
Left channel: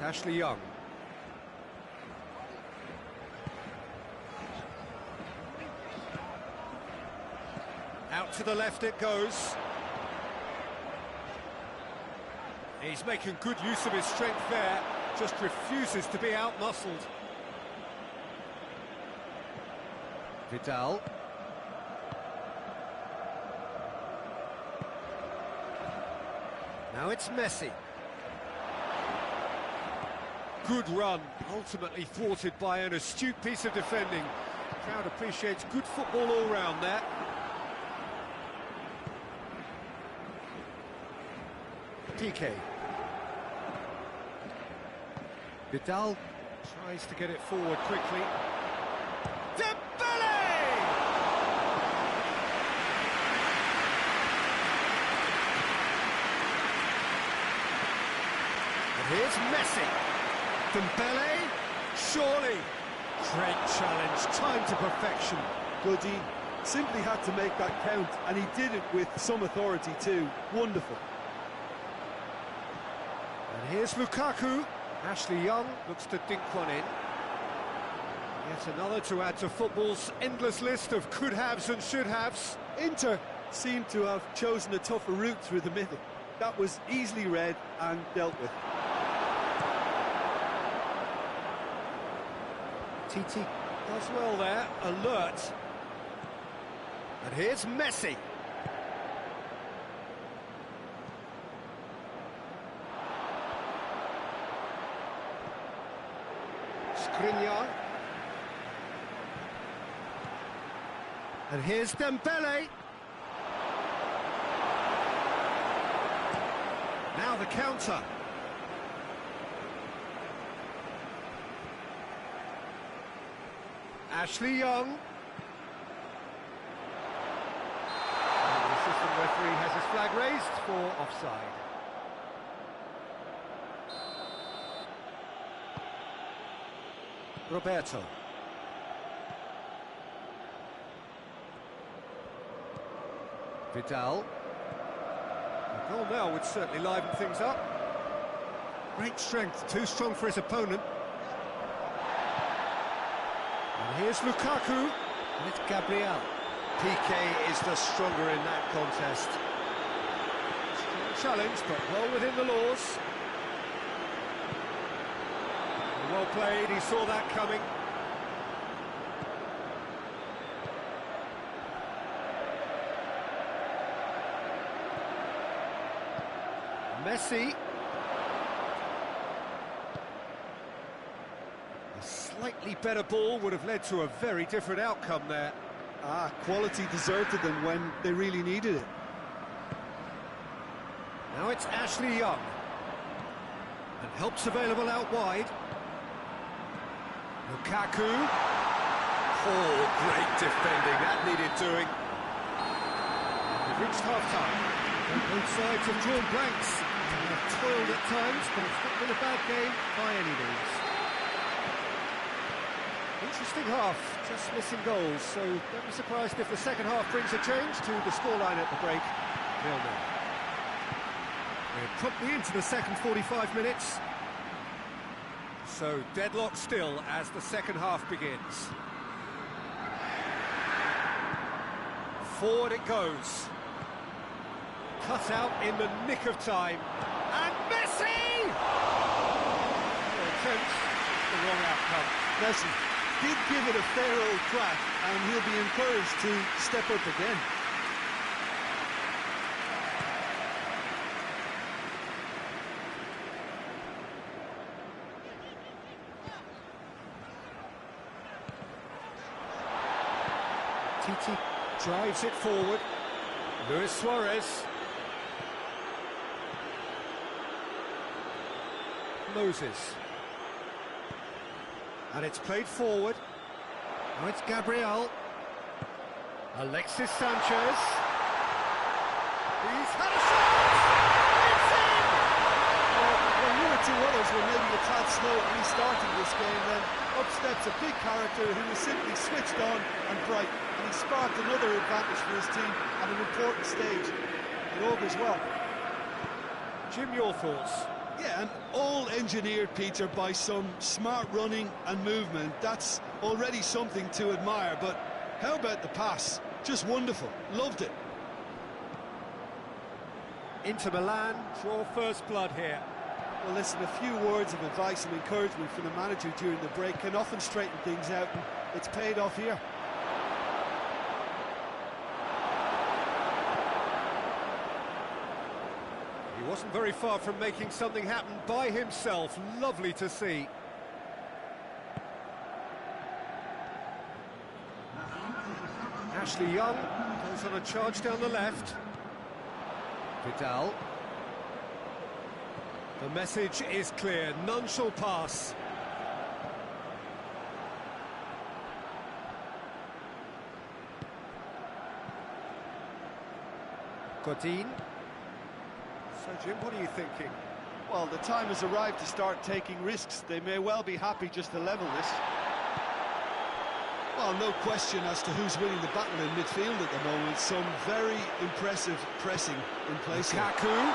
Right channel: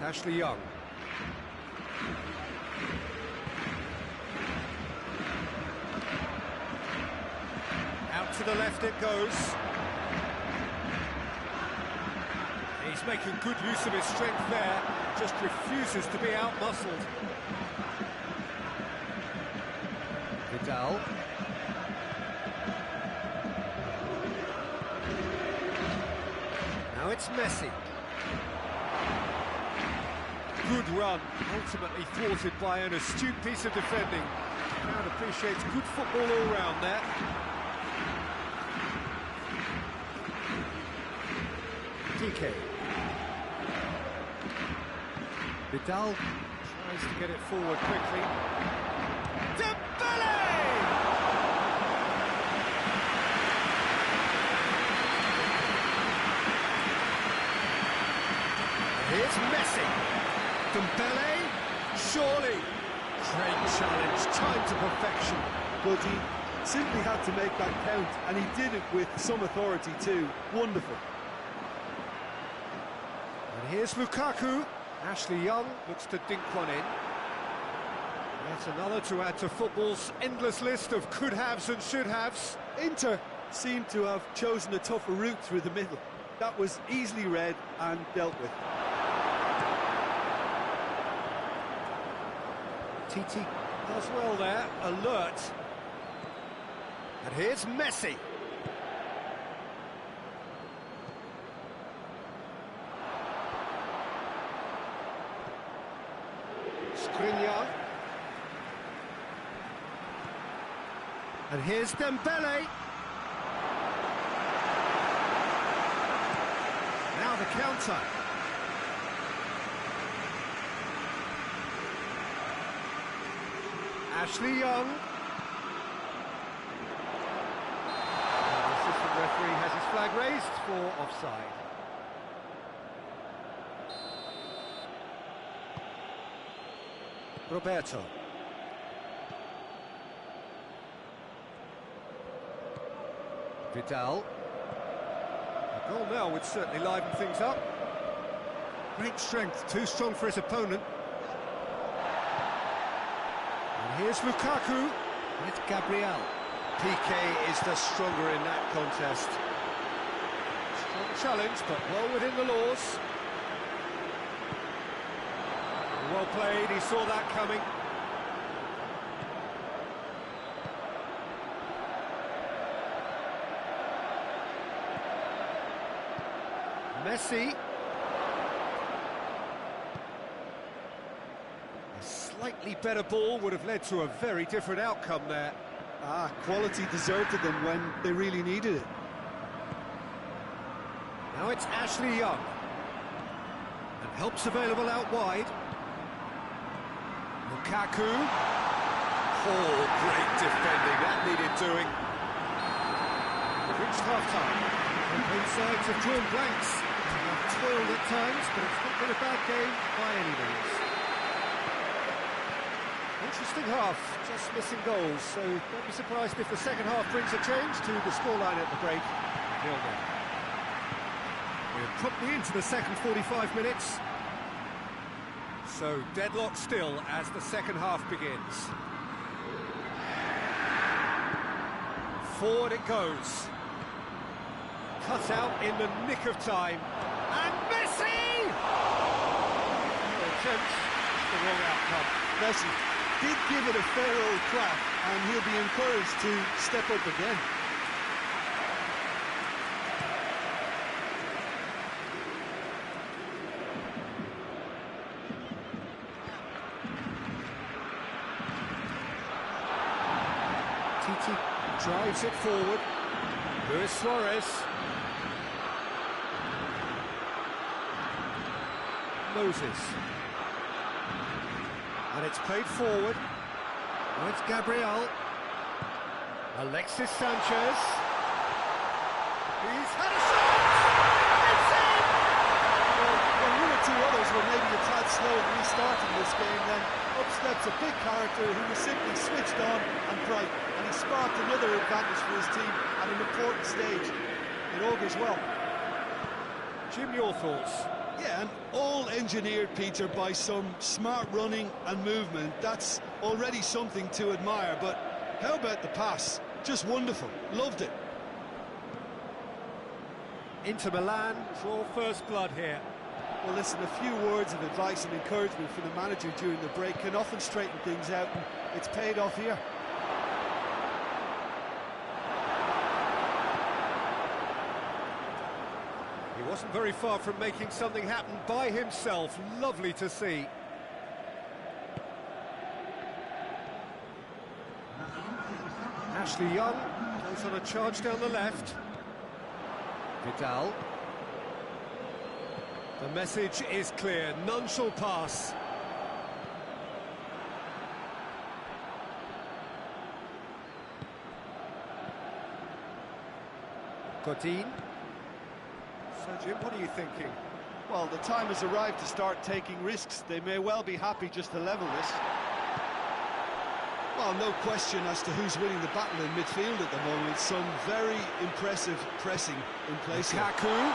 Ashley Young. Out to the left it goes. He's making good use of his strength there, just refuses to be out-muscled. Vidal. Now it's Messi. Good run, ultimately thwarted by an astute piece of defending. The crowd appreciates good football all round there. Piqué. Vidal tries to get it forward quickly. Dembele! And here's Messi. Dembele, surely. Great challenge, time to perfection. Goody simply had to make that count, and he did it with some authority too. Wonderful. And here's Lukaku. Ashley Young looks to dink one in. Yet another to add to football's endless list of could-haves and should-haves. Inter seemed to have chosen a tougher route through the middle. That was easily read and dealt with. Titi does well there, alert. And here's Messi. Skriniar. And here's Dembele. Now the counter. Ashley Young. And the assistant referee has his flag raised for offside. Roberto. Vidal. A goal now would certainly liven things up. Great strength, too strong for his opponent. And here's Lukaku. And it's Gabriel. Piqué is the stronger in that contest. Strong challenge, but well within the laws. Well played, he saw that coming. Messi. A slightly better ball would have led to a very different outcome there. Quality deserted them when they really needed it. Now it's Ashley Young. And help's available out wide. Lukaku. Oh, great defending, that needed doing. We've reached half-time. Both sides have drawn blanks. They have toiled at times, but it's not been a bad game by any means. Interesting half, just missing goals, so don't be surprised if the second half brings a change to the scoreline at the break. 0-0. We're promptly into the second 45 minutes. So deadlock still as the second half begins. Forward it goes. Cut out in the nick of time. And Messi! No attempt, just the wrong outcome. Messi did give it a fair old crack, and he'll be encouraged to step up again. Titi drives it forward. Luis Suarez. Moses. And it's played forward. Now it's Gabriel. Alexis Sanchez. He's had a shot! It's in! Well, when one or two others were maybe a tad slow at restarting this game, then up steps a big character who was simply switched on and bright, and he sparked another advantage for his team at an important stage. It augurs well. Jim, your thoughts? Yeah, and all engineered, Peter, by some smart running and movement. That's already something to admire, but how about the pass? Just wonderful. Loved it. Inter Milan draw first blood here. Well, listen, a few words of advice and encouragement from the manager during the break can often straighten things out, and it's paid off here. He wasn't very far from making something happen by himself. Lovely to see. Ashley Young goes on a charge down the left. Vidal. The message is clear, none shall pass. Godin. So, Jim, what are you thinking? Well, the time has arrived to start taking risks. They may well be happy just to level this. Well, no question as to who's winning the battle in midfield at the moment. Some very impressive pressing in place here. Lukaku.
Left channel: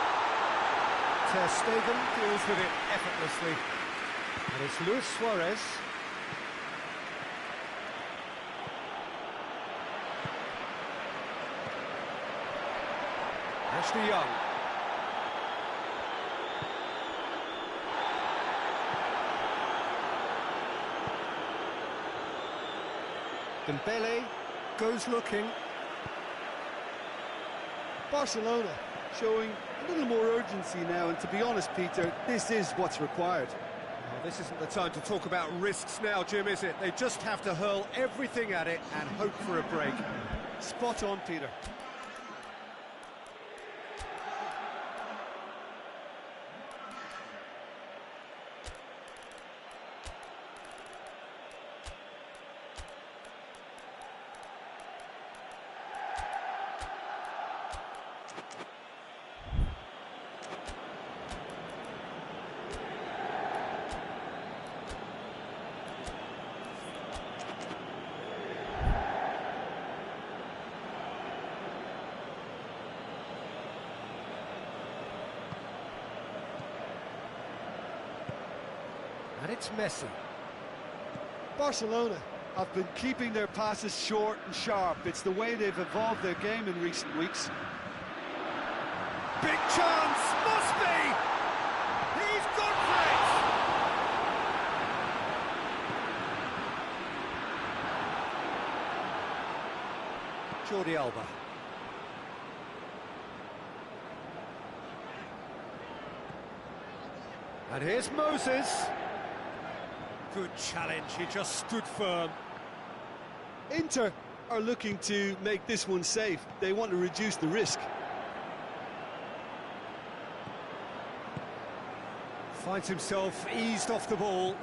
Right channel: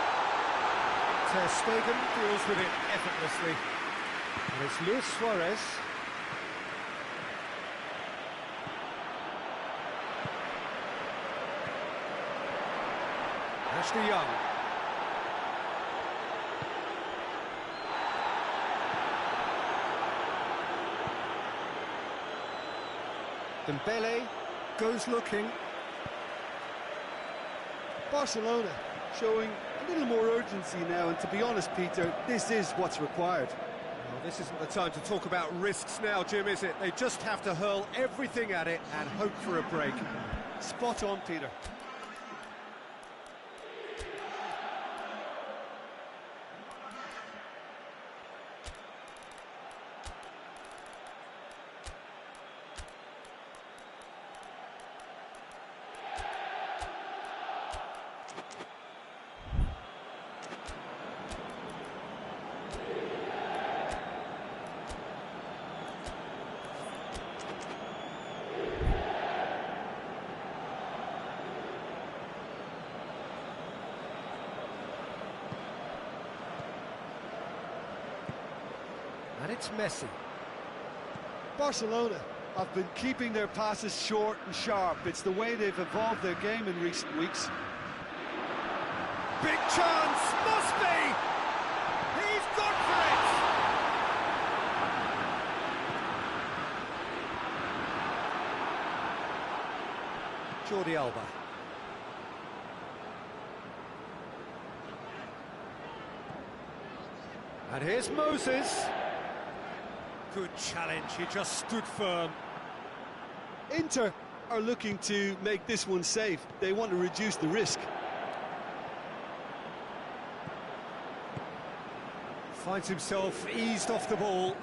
Ter Stegen deals with it effortlessly. And it's Luis Suarez. Ashley Young. Dembele goes looking. Barcelona showing a little more urgency now, and to be honest, Peter, this is what's required. Well, this isn't the time to talk about risks now, Jim, is it? They just have to hurl everything at it and hope for a break. Spot on, Peter. And it's Messi. Barcelona have been keeping their passes short and sharp. It's the way they've evolved their game in recent weeks. Big chance, must be! He's gone for it! Jordi Alba. And here's Moses. Good challenge, he just stood firm. Inter are looking to make this one safe. They want to reduce the risk. Finds himself eased off the ball.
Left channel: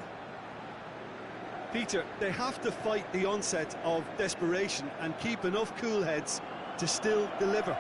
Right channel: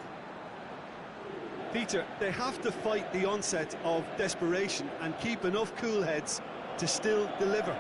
Peter, they have to fight the onset of desperation and keep enough cool heads to still deliver.